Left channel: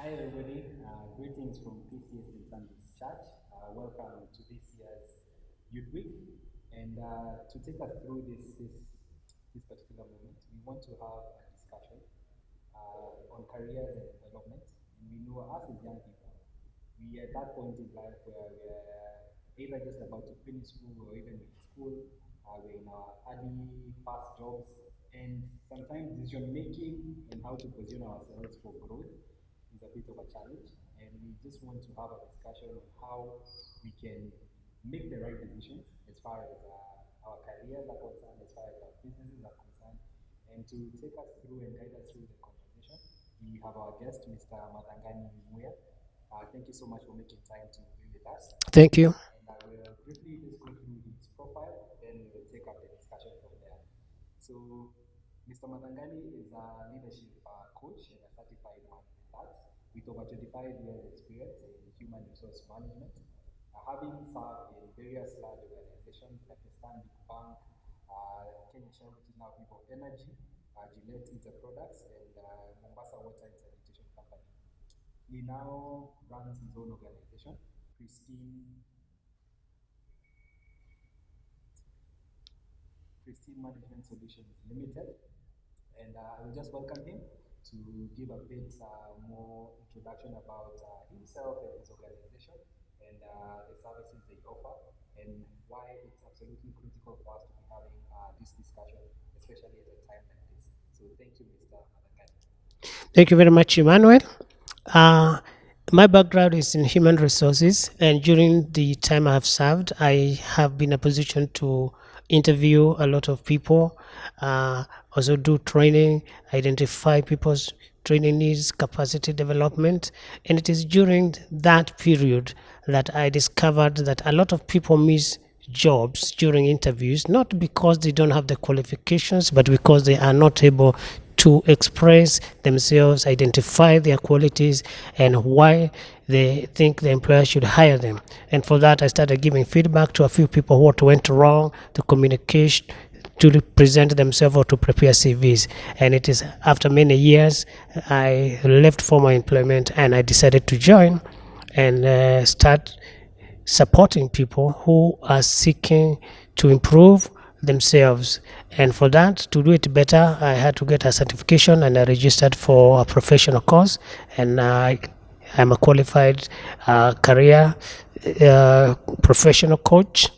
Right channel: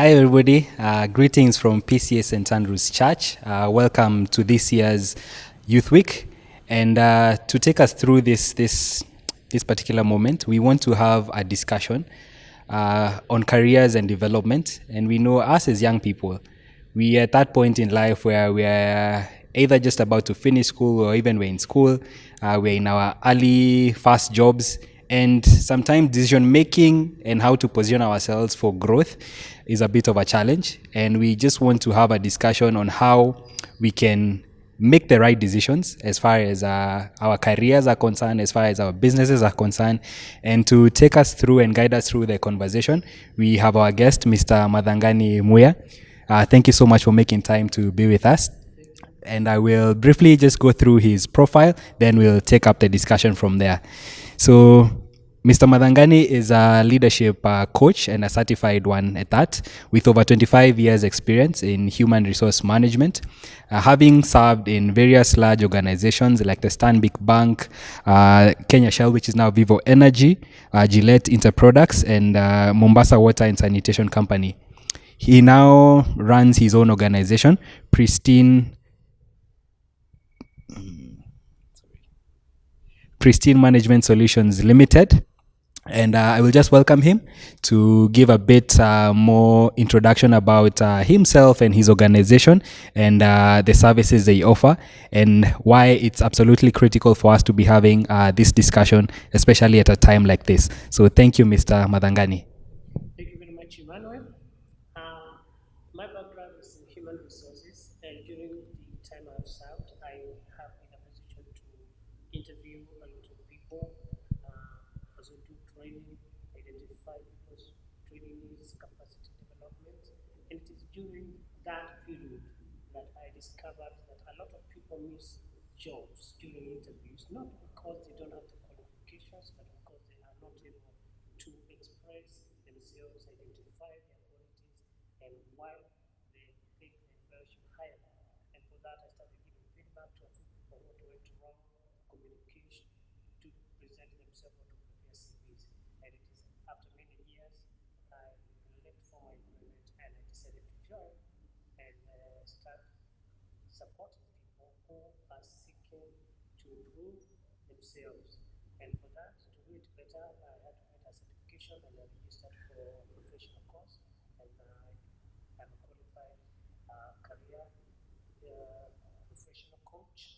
Hi, everybody. Greetings from PCA St. Andrew's Church. Welcome to this year's Youth Week. And to take us through this particular moment, we want to have a discussion on careers and development. And we know us as young people, we are at that point in life where we are either just about to finish school or even we're in school. We're in our early, fast jobs. And sometimes decision making and how to position ourselves for growth is a bit of a challenge. And we just want to have a discussion on how we can make the right decisions as far as our careers are concerned, as far as our businesses are concerned. And to take us through and guide us through the conversation, we have our guest, Mr. Mathangani Muya. Thank you so much for making time to be with us. Thank you. And I will briefly just go through his profile, then we'll take up the discussion from there. So Mr. Mathangani is a leadership coach and a certified one at that, with over 25 years experience in human resource management, having served in various large organizations like the Stanbic Bank, Kenya Shell, which is now Vivo Energy, Gillette Interproducts, and Mombasa Water and Sanitation Company. He now runs his own organization, Pristine Management Solutions Limited. And I will just welcome him to give a bit more introduction about himself and his organization and the services they offer, and why it's absolutely critical for us to be having this discussion, especially at a time like this. So thank you, Mr. Mathangani. Thank you very much, Emmanuel. My background is in human resources, and during the time I have served, I have been in a position to interview a lot of people, also do training, identify people's training needs, capacity development. And it is during that period that I discovered that a lot of people miss jobs during interviews, not because they don't have the qualifications, but because they are not able to express themselves, identify their qualities, and why they think the employer should hire them. And for that, I started giving feedback to a few people what went wrong, to communicate, to present themselves or to prepare CVs. And it is after many years, I left formal employment and I decided to join and start supporting people who are seeking to improve themselves. And for that, to do it better, I had to get a certification, and I registered for a professional course, and I'm a qualified career professional coach.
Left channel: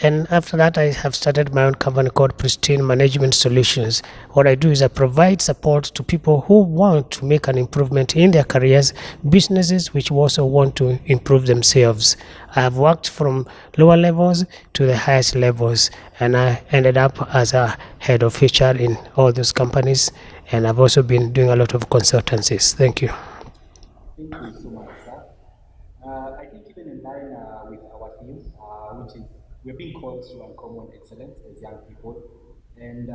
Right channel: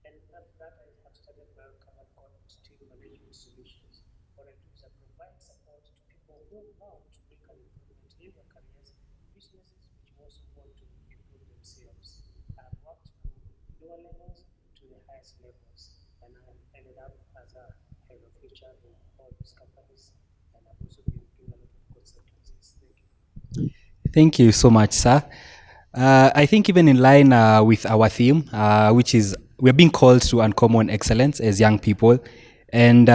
And after that, I have started my own company called Pristine Management Solutions. What I do is I provide support to people who want to make an improvement in their careers, businesses which also want to improve themselves. I have worked from lower levels to the highest levels, and I ended up as a head of HR in all those companies. And I've also been doing a lot of consultancies. Thank you. Thank you so much, sir. I think even in line with our theme, which is we're being called to uncommon excellence as young people, and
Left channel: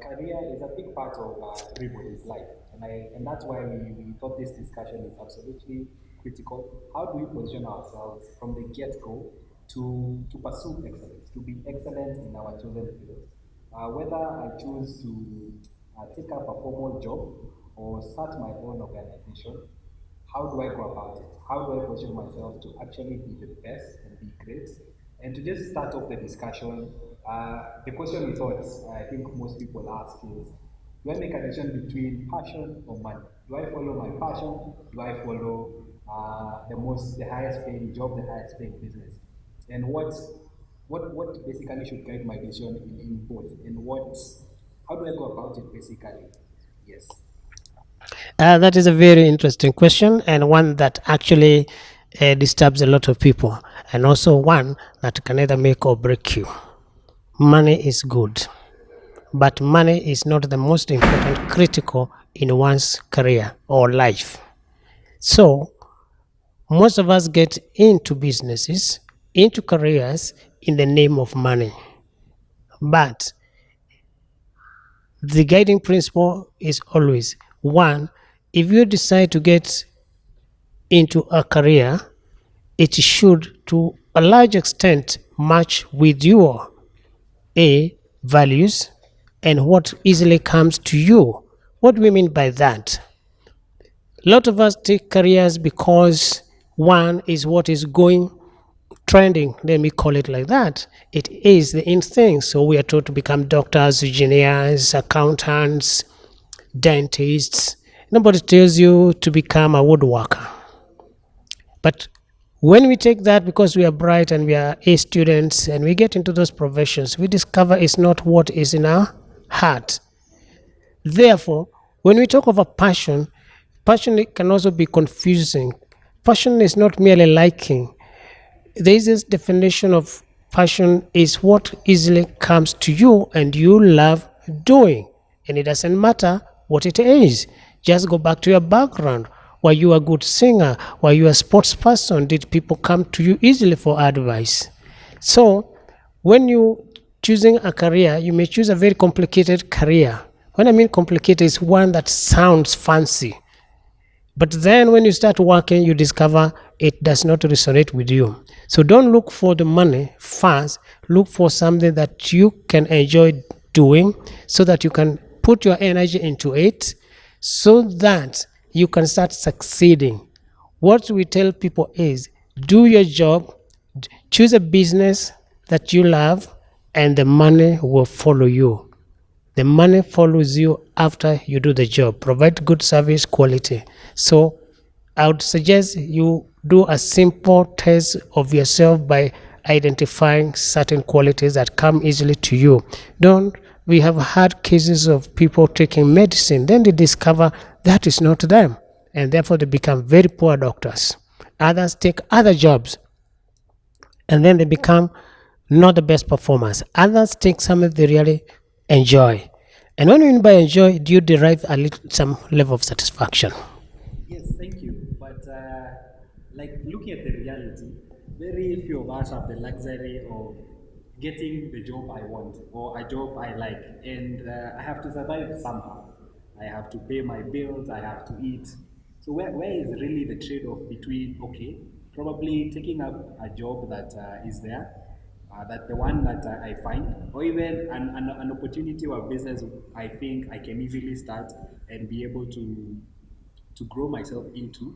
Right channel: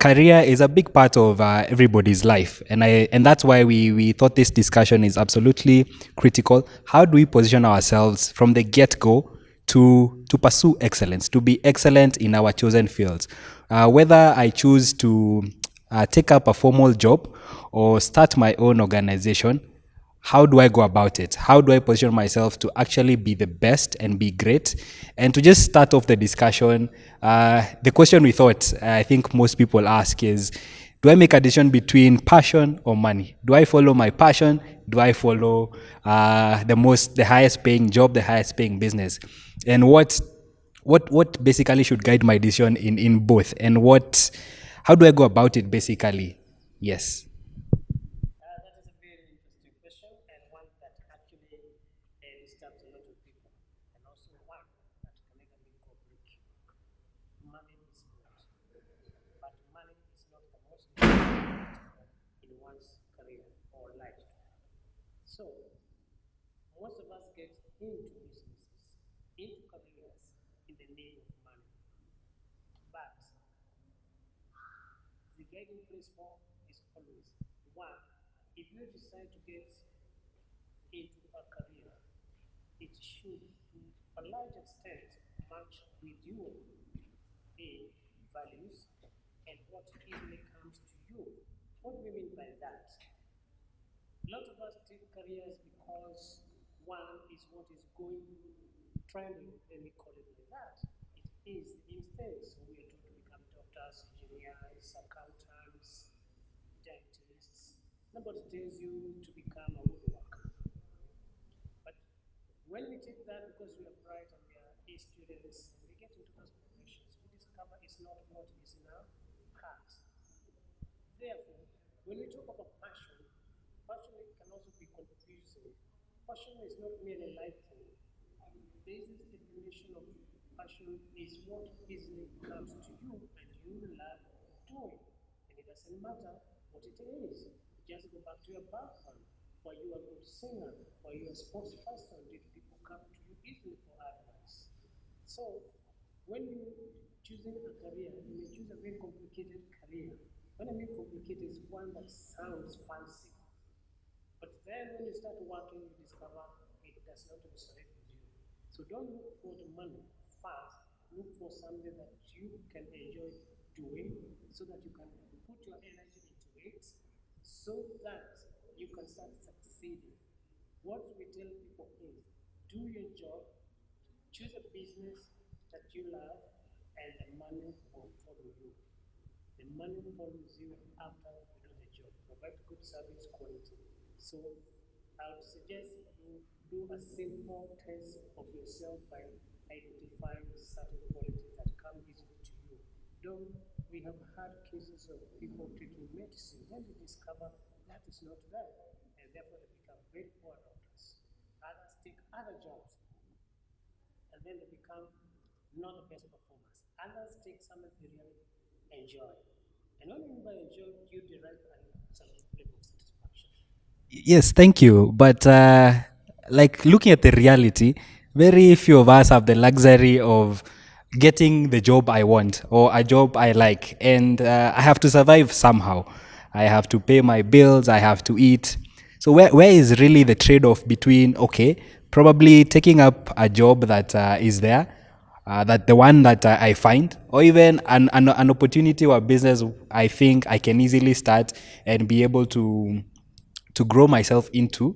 career is a big part of everybody's life, and that's why we thought this discussion is absolutely critical. How do we position ourselves from the get-go to pursue excellence, to be excellent in our chosen fields? Whether I choose to take up a formal job or start my own organization, how do I go about it? How do I position myself to actually be the best and be great? And to just start off the discussion, the question we thought I think most people ask is, do I make a decision between passion or money? Do I follow my passion? Do I follow the highest paying job, the highest paying business? And what basically should guide my decision in both? And how do I go about it basically? Yes. That is a very interesting question, and one that actually disturbs a lot of people, and also one that can either make or break you. Money is good, but money is not the most important critical in one's career or life. So most of us get into businesses, into careers in the name of money. But the guiding principle is always, one, if you decide to get into a career, it should to a large extent match with your values and what easily comes to you. What do we mean by that? A lot of us take careers because one is what is going trending, let me call it like that. It is the in thing. So we are taught to become doctors, engineers, accountants, dentists. Nobody tells you to become a woodworker. But when we take that because we are bright and we are A students and we get into those professions, we discover it's not what is in our heart. Therefore, when we talk of a passion, passion can also be confusing. Passion is not merely liking. There is this definition of passion is what easily comes to you and you love doing. And it doesn't matter what it is. Just go back to your background. Were you a good singer? Were you a sports person? Did people come to you easily for advice? So when you choosing a career, you may choose a very complicated career. When I mean complicated, it's one that sounds fancy. But then when you start working, you discover it does not resonate with you. So don't look for the money first. Look for something that you can enjoy doing so that you can put your energy into it so that you can start succeeding. What we tell people is do your job, choose a business that you love, and the money will follow you. The money follows you after you do the job. Provide good service quality. So I would suggest you do a simple test of yourself by identifying certain qualities that come easily to you. We have had cases of people taking medicine, then they discover that is not them, and therefore they become very poor doctors. Others take other jobs, and then they become not the best performers. Others take something they really enjoy. And when we mean by enjoy, do you derive some level of satisfaction? Yes, thank you. But like looking at the reality, very few of us have the luxury of getting the job I want or a job I like. And I have to survive somehow. I have to pay my bills, I have to eat. So where is really the trade-off between, okay, probably taking up a job that is there, that the one that I find, or even an opportunity or a business I think I can easily start and be able to grow myself into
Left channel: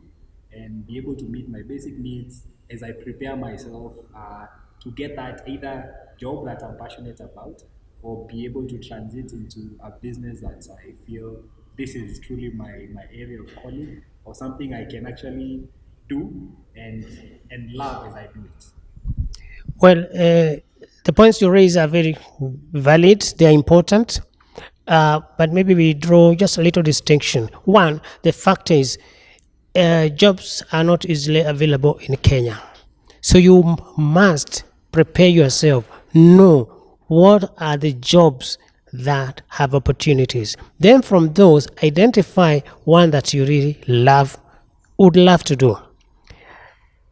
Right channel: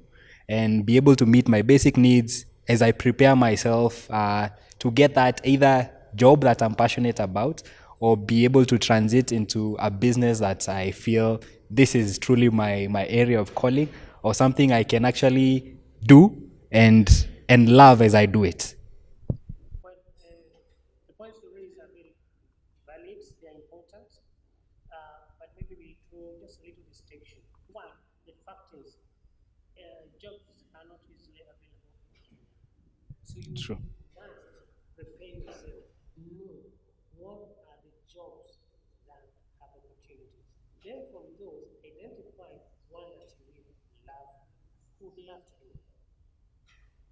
and be able to meet my basic needs as I prepare myself to get that either job that I'm passionate about or be able to transit into a business that I feel this is truly my area of calling or something I can actually do and love as I do it. Well, the points you raise are very valid. They are important. But maybe we draw just a little distinction. One, the fact is jobs are not easily available in Kenya. So you must prepare yourself. Know what are the jobs that have opportunities. Then from those, identify one that you really would love to do.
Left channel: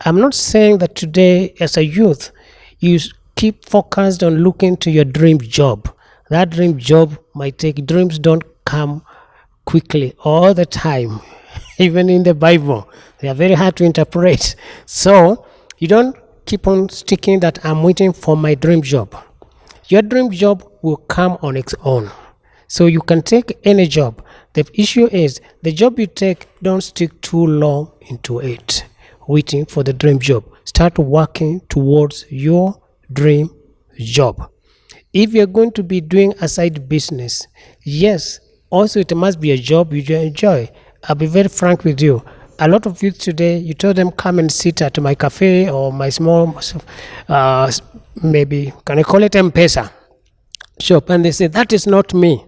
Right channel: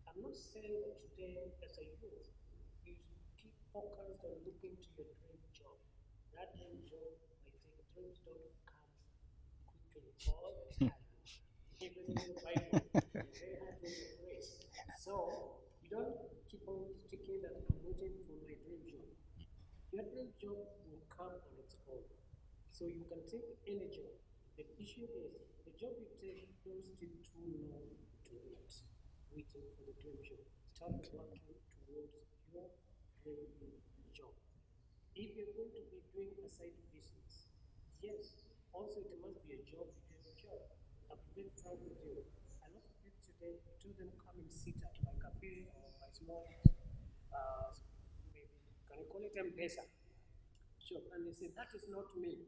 I'm not saying that today as a youth, you keep focused on looking to your dream job. That dream job might take, dreams don't come quickly all the time. Even in the Bible, they are very hard to interpret. So you don't keep on sticking that I'm waiting for my dream job. Your dream job will come on its own. So you can take any job. The issue is the job you take, don't stick too long into it, waiting for the dream job. Start working towards your dream job. If you're going to be doing a side business, yes, also it must be a job you enjoy. I'll be very frank with you. A lot of youth today, you tell them come and sit at my cafe or my small, maybe, can I call it M-Pesa shop? And they say, that is not me.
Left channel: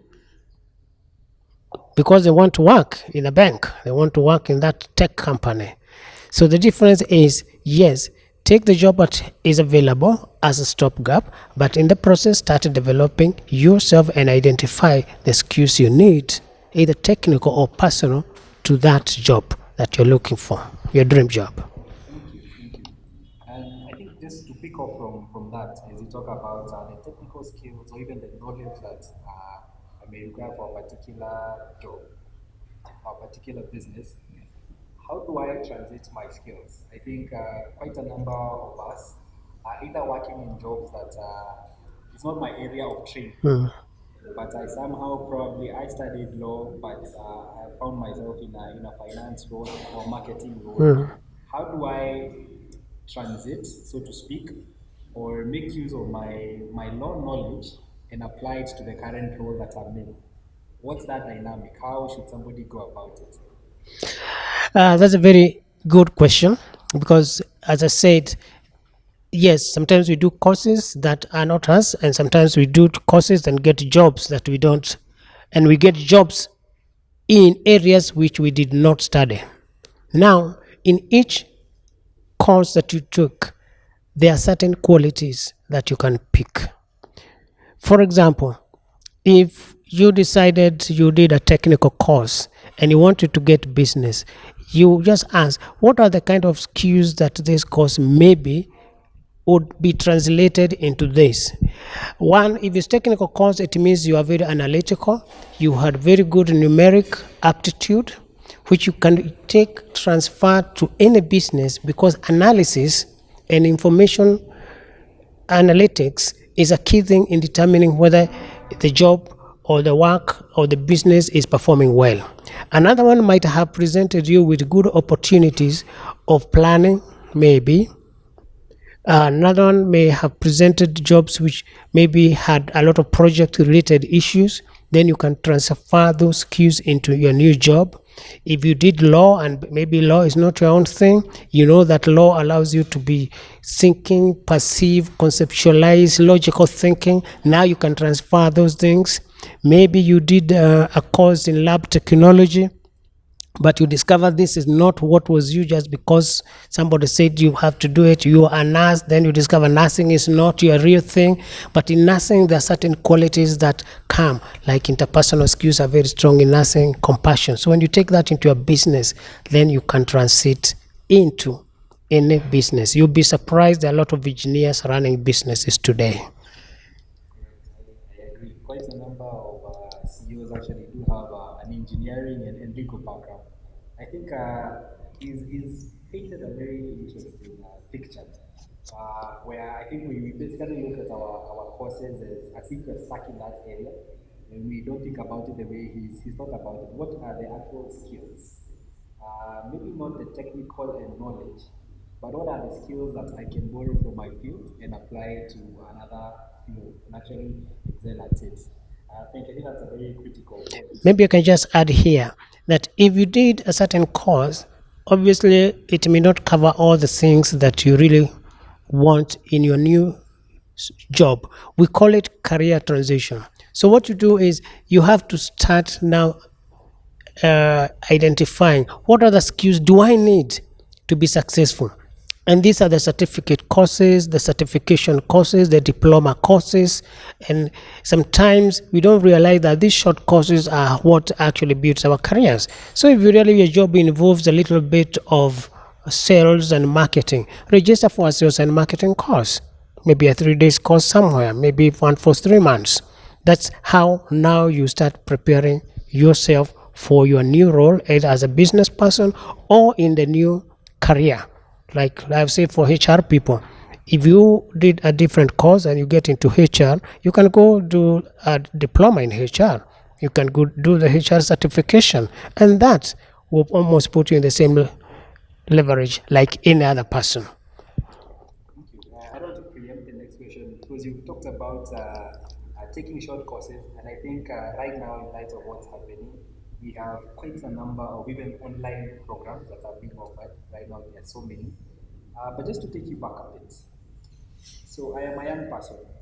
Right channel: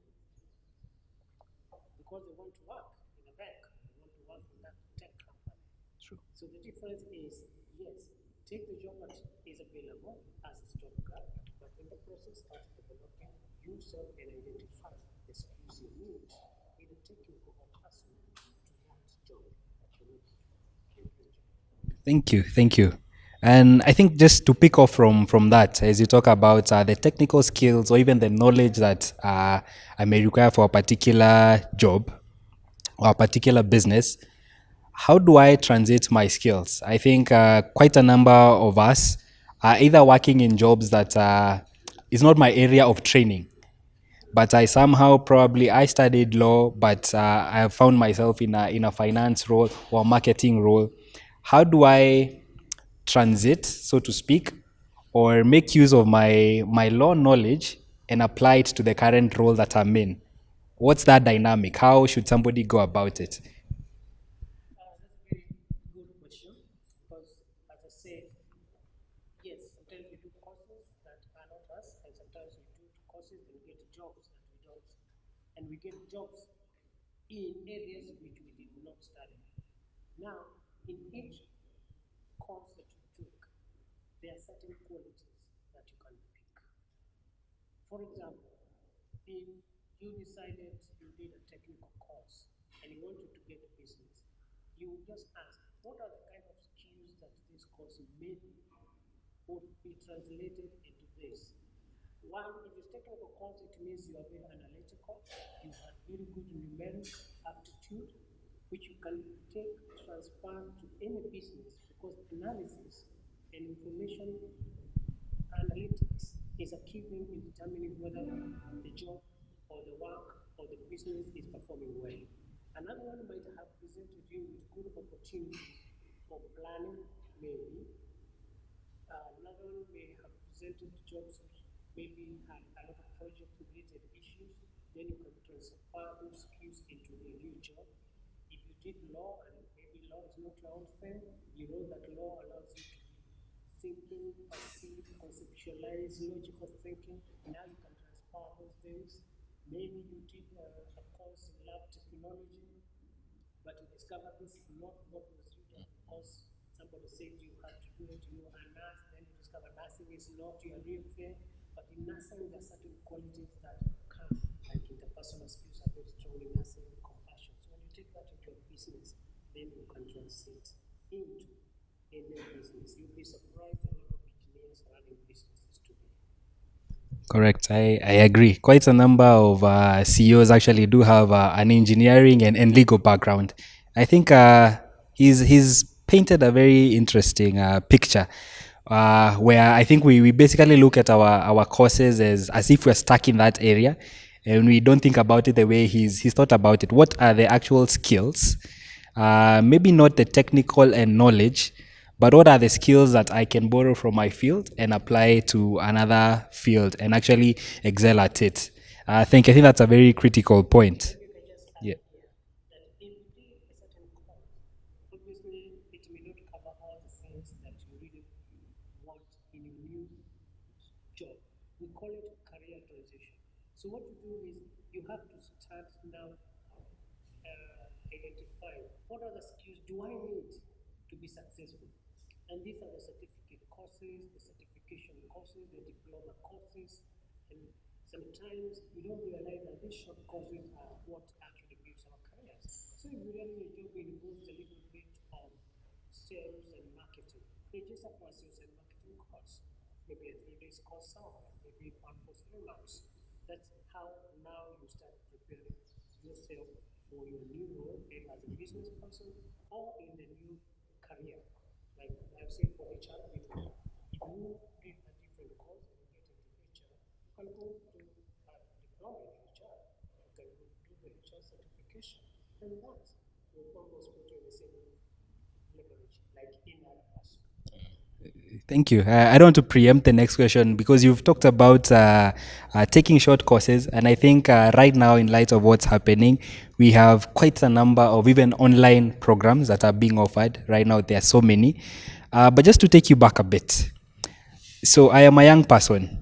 Because they want to work in a bank. They want to work in that tech company. So the difference is, yes, take the job that is available as a stopgap, but in the process, start developing yourself and identify the skills you need, either technical or personal, to that job that you're looking for, your dream job. Thank you. And I think just to pick off from that, as you talk about the technical skills or even the knowledge that I may require for a particular job or a particular business, how do I transit my skills? I think quite a number of us are either working in jobs that is not my area of training. but I somehow probably I studied law, but I found myself in a finance role or marketing role. How do I transit, so to speak, or make use of my law knowledge and apply it to the current role that I'm in? What's that dynamic? How should somebody go about it? That's a very good question because, as I said, yes, sometimes we do courses that are not us, and sometimes we do courses and get jobs that we don't, and we get jobs in areas which we did not study. Now, in each course that you took, there are certain qualities that you can pick. For example, if you decided you did a technical course and you wanted to get business, you just ask, what are the kind of skills that this course maybe would be translated into this? One, if it's technical course, it means you are very analytical, you had very good numeric aptitude, which you can transfer to any business, because analysis and information analytics is a key thing in determining whether the job or the work or the business is performing well. Another one might have presented you with good opportunities of planning, maybe. Another one may have presented jobs which maybe had a lot of project-related issues. Then you can transfer those skills into your new job. If you did law and maybe law is not your own thing, you know that law allows you to be thinking, perceive, conceptualize, logical thinking. Now you can transfer those things. Maybe you did a course in lab technology, but you discover this is not what was you just because somebody said you have to do it. You are a nurse, then you discover nursing is not your real thing. But in nursing, there are certain qualities that come, like interpersonal skills are very strong in nursing, compassion. So when you take that into a business, then you can transit into any business. You'll be surprised there are a lot of engineers running businesses today. Correct. I agree. Quite a number of CEOs actually do have an engineering and legal background. I think he's painted a very interesting picture where I think we basically look at our courses as if we're stuck in that area, and we don't think about it the way he's thought about it. What are the actual skills? Maybe not the technical and knowledge, but what are the skills that I can borrow from my field and apply to another field and actually excel at it? I think that's a very critical point. Maybe I can just add here that if you did a certain course, obviously it may not cover all the things that you really want in your new job. We call it career transition. So what you do is you have to start now identifying what other skills do I need to be successful. And these are the certificate courses, the certification courses, the diploma courses. And sometimes we don't realize that these short courses are what actually builds our careers. So if really your job involves a little bit of sales and marketing, register for a sales and marketing course. Maybe a 3 days course somewhere, maybe one for 3 months. That's how now you start preparing yourself for your new role, either as a business person or in the new career. Like I've said for HR people, if you did a different course and you get into HR, you can go do a diploma in HR. You can go do the HR certification, and that will almost put you in the same leverage like any other person. Thank you. I don't want to preempt the next question because you've talked about taking short courses, and I think right now, in light of what's happening, we have quite a number of even online programs that are being offered. Right now, there are so many. But just to take you back a bit. So I am a young person.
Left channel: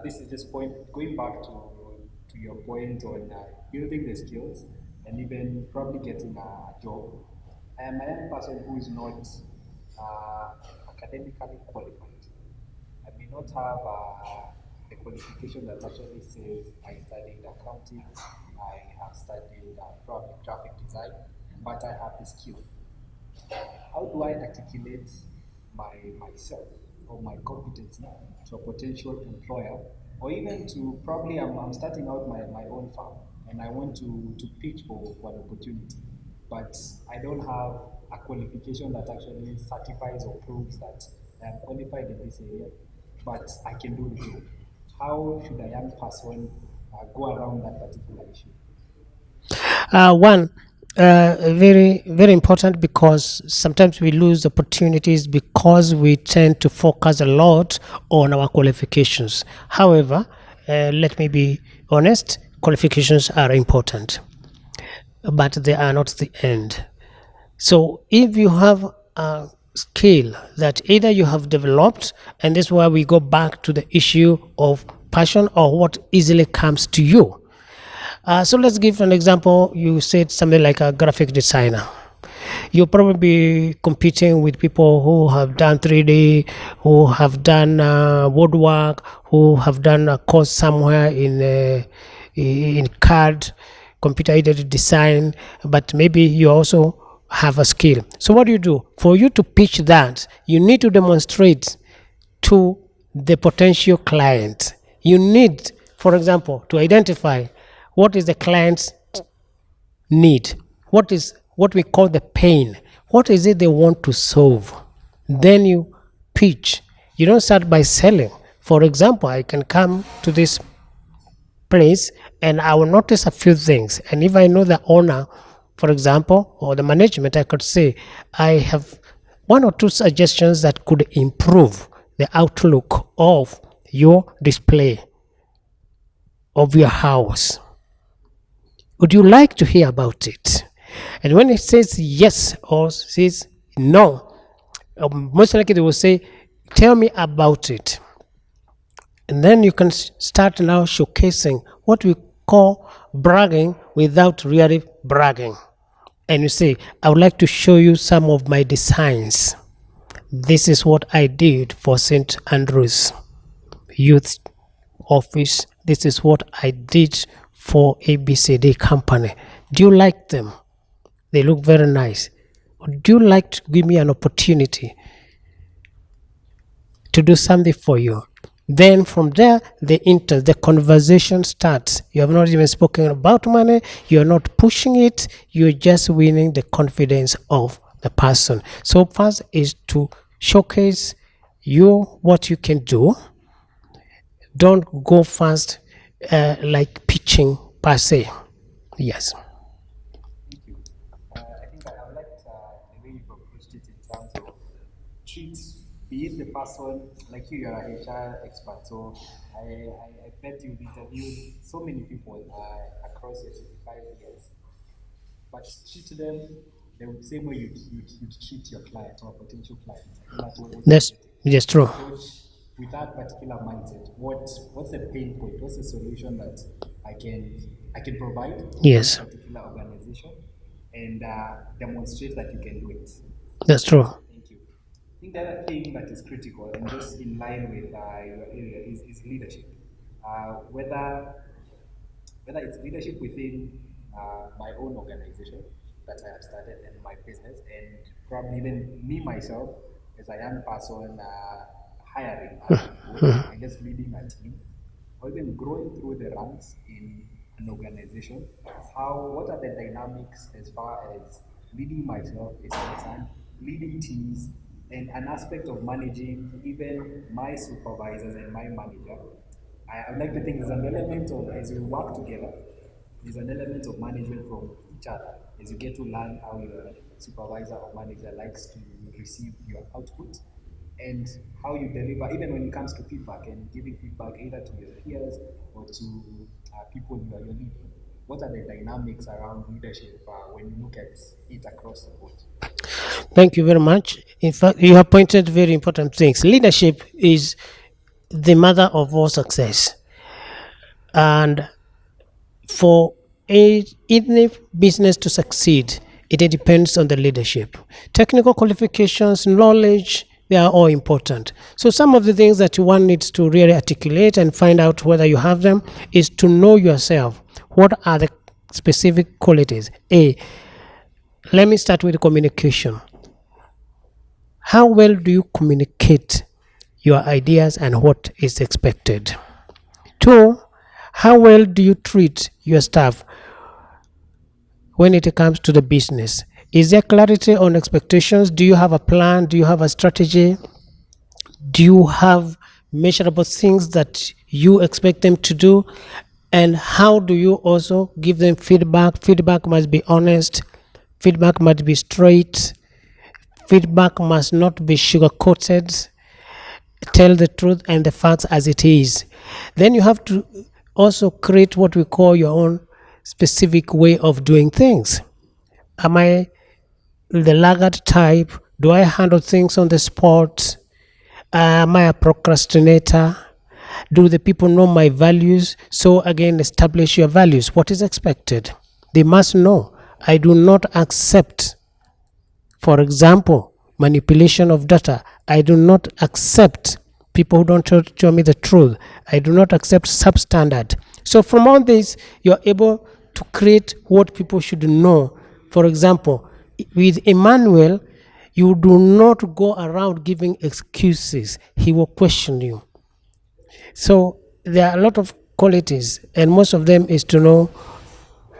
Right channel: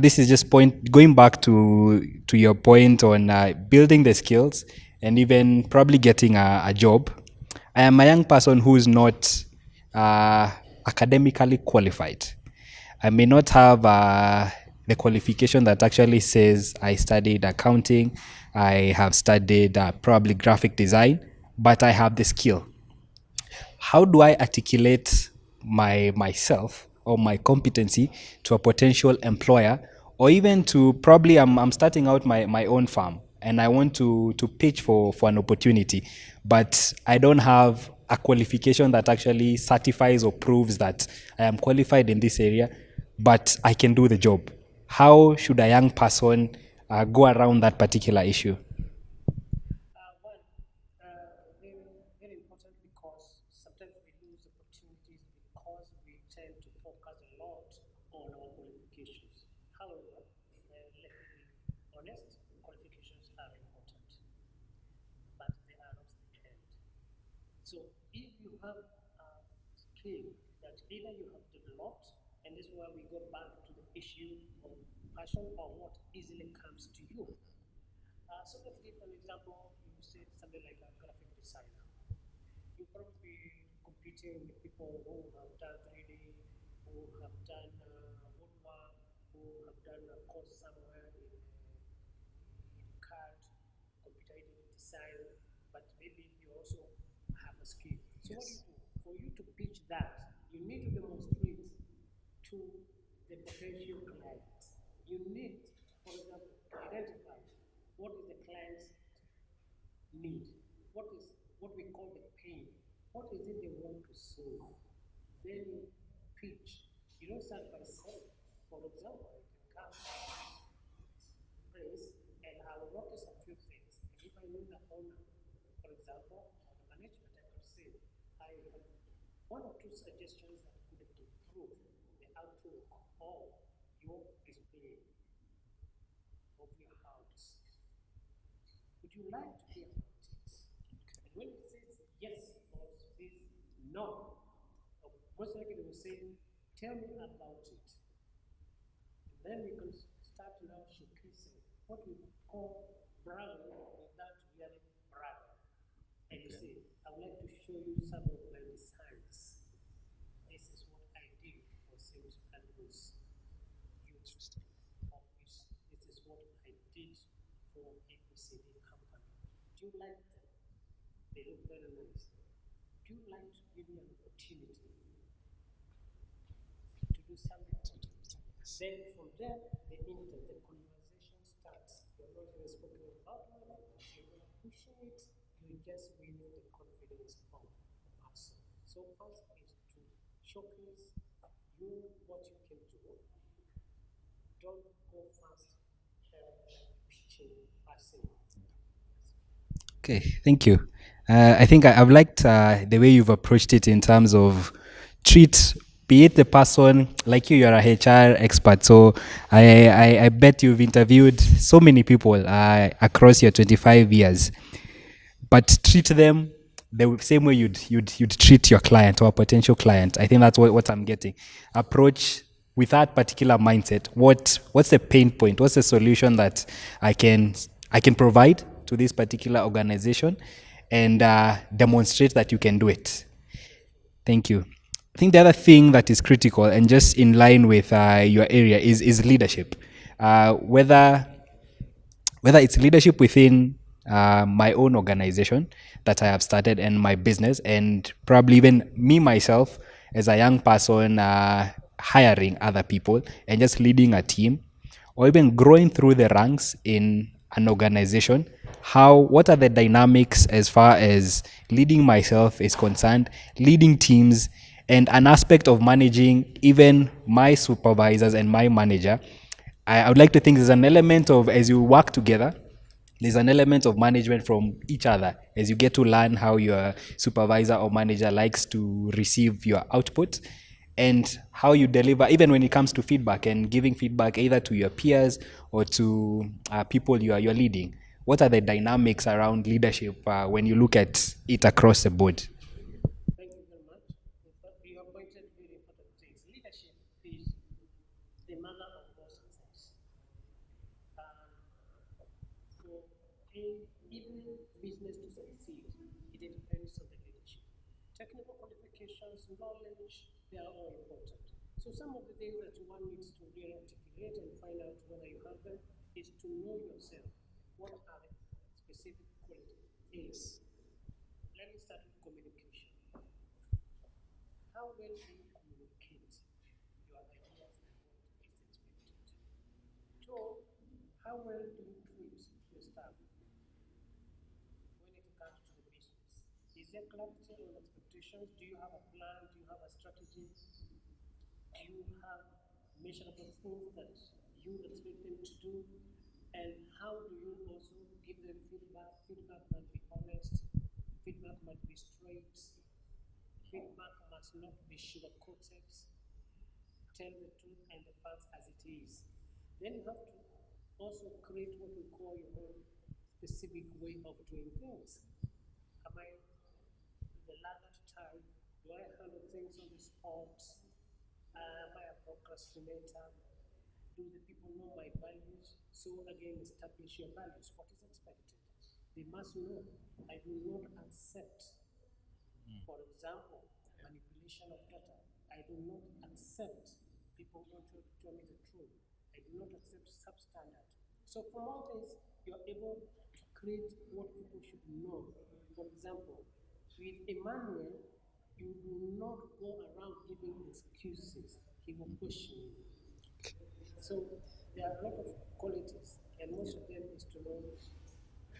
This is just going back to your point on building the skills and even probably getting a job. I am a young person who is not academically qualified. I may not have the qualification that actually says I studied accounting, I have studied probably graphic design, but I have the skill. How do I articulate myself or my competency to a potential employer, or even to probably I'm starting out my own farm and I want to pitch for an opportunity, but I don't have a qualification that actually certifies or proves that I am qualified in this area, but I can do the job. How should a young person go around that particular issue? One, very, very important, because sometimes we lose opportunities because we tend to focus a lot on our qualifications. However, let me be honest, qualifications are important, but they are not the end. So if you have a skill that either you have developed, and this is why we go back to the issue of passion or what easily comes to you. So let's give an example. You said something like a graphic designer. You'll probably be competing with people who have done 3D, who have done woodwork, who have done a course somewhere in CAD, computer aided design, but maybe you also have a skill. So what do you do? For you to pitch that, you need to demonstrate to the potential client. You need, for example, to identify what is the client's need, what is what we call the pain, what is it they want to solve. Then you pitch. You don't start by selling. For example, I can come to this place and I will notice a few things, and if I know the owner, for example, or the management, I could say I have one or two suggestions that could improve the outlook of your display of your house. Would you like to hear about it? And when it says yes or says no, most likely they will say, tell me about it. And then you can start now showcasing what we call bragging without really bragging. And you say, I would like to show you some of my designs. This is what I did for St. Andrew's Youth Office. This is what I did for ABCD company. Do you like them? They look very nice. Would you like to give me an opportunity to do something for you? Then from there, the conversation starts. You have not even spoken about money. You're not pushing it. You're just winning the confidence of the person. So first is to showcase what you can do. Don't go fast like pitching per se. Yes. Okay, thank you. I think I've liked the way you've approached it in terms of be it the person, like you're a HR expert, so I bet you've interviewed so many people across your 25 years, but treat them the same way you'd treat your client or a potential client. I think that's what I'm getting. Yes, true. Approach with that particular mindset. What's the pain point? What's the solution that I can provide to this particular organization, and demonstrate that you can do it. That's true. Thank you. I think the other thing that is critical and just in line with your area is leadership. Whether it's leadership within my own organization that I have started and my business, and probably even me myself as a young person hiring other people and just leading a team, or even growing through the ranks in an organization. What are the dynamics as far as leading myself is concerned, leading teams, and an aspect of managing even my supervisors and my manager. I would like to think there's an element of, as you work together, there's an element of management from each other as you get to learn how your supervisor or manager likes to receive your output and how you deliver, even when it comes to feedback and giving feedback either to your peers or to people you're leading. What are the dynamics around leadership when you look at it across the board? Thank you very much. In fact, you have pointed very important things. Leadership is the mother of all success. And for any business to succeed, it depends on the leadership. Technical qualifications, knowledge, they are all important. So some of the things that one needs to really articulate and find out whether you have them is to know yourself. What are the specific qualities? Let me start with communication. How well do you communicate your ideas and what is expected? 2, how well do you treat your staff when it comes to the business? Is there clarity on expectations? Do you have a plan? Do you have a strategy? Do you have measurable things that you expect them to do? And how do you also give them feedback? Feedback must be honest. Feedback must be straight. Feedback must not be sugar coated. Tell the truth and the facts as it is. Then you have to also create what we call your own specific way of doing things. Am I the laggard type? Do I handle things on the spot? Am I a procrastinator? Do the people know my values? So again, establish your values. What is expected? They must know. I do not accept, for example, manipulation of data. I do not accept people who don't tell me the truth. I do not accept substandard. So from all this, you're able to create what people should know. For example, with Emmanuel, you do not go around giving excuses. He will question you. So there are a lot of qualities, and most of them is to know,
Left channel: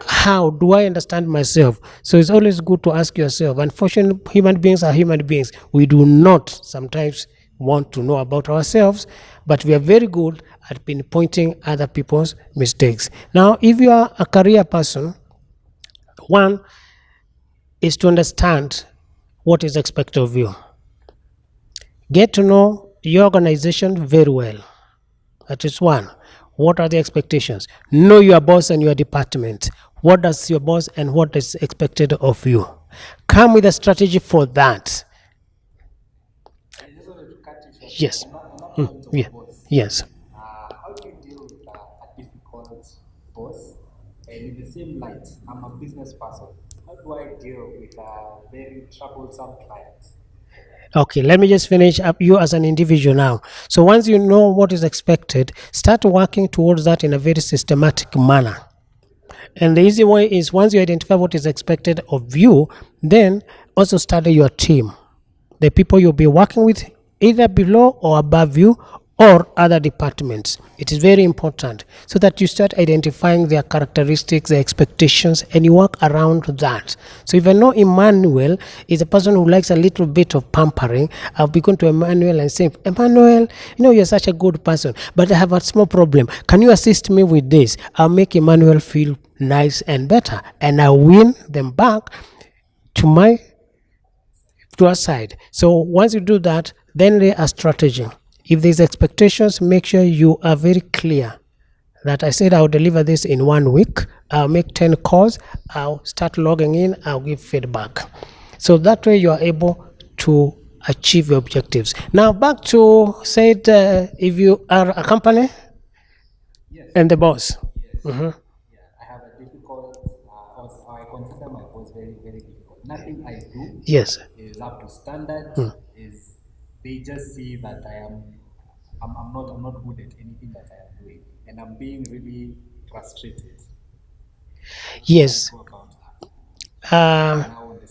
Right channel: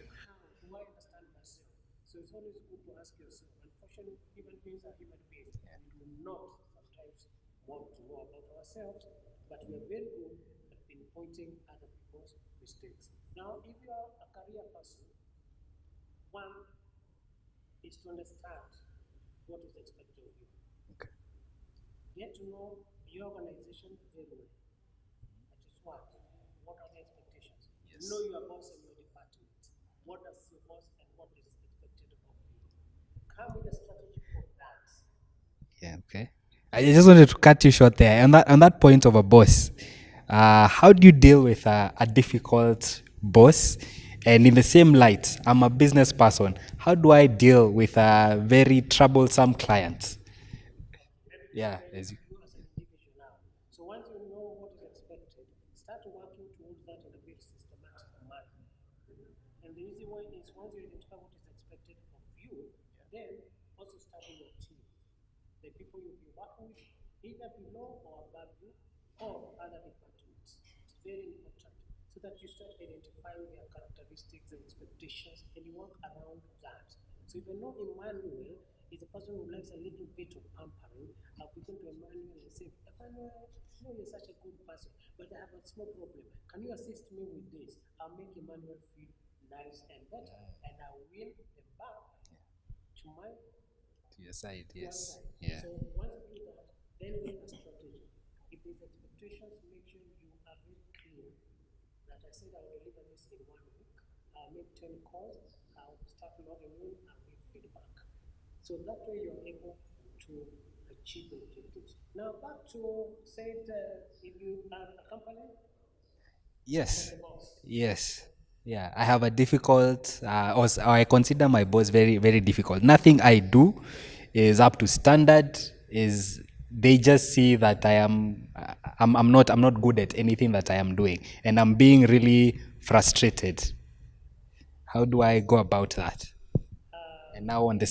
how do I understand myself? So it's always good to ask yourself. Unfortunately, human beings are human beings. We do not sometimes want to know about ourselves, but we are very good at pinpointing other people's mistakes. Now, if you are a career person, one is to understand what is expected of you. Get to know your organization very well. That is one. What are the expectations? Know your boss and your department. What does your boss and what is expected of you? Come with a strategy for that. Yeah, okay. I just wanted to cut you short Yes. there. On that point of a boss, Yes. how do you deal with a difficult boss? And in the same light, I'm a business person. How do I deal with a very troublesome client? Okay, let me just finish up you as an individual now. So once you know what is expected, start working towards that in a very systematic manner. And the easy way is, once you identify what is expected of you, then also study your team, the people you'll be working with, either below or above you or other departments. It is very important so that you start identifying their characteristics, their expectations, and you work around that. So if I know Emmanuel is a person who likes a little bit of pampering, I'll be going to Emmanuel and say, Emmanuel, you're such a good person, but I have a small problem. Can you assist me with this? I'll make Emmanuel feel nice and better, and I'll win them back to our side. So once you do that, then lay a strategy. If there's expectations, make sure you are very clear that I said I'll deliver this in 1 week. I'll make 10 calls. I'll start logging in. I'll give feedback. So that way you are able to achieve your objectives. Now back to said, if you are a company Yes. and the boss. Yes. Yeah, I have a difficult, or I consider my boss very, very difficult. Nothing I do Yes. is up to standard. Is they just see that I'm not good at anything that I am doing, and I'm being really frustrated. How do I go about that? Now on the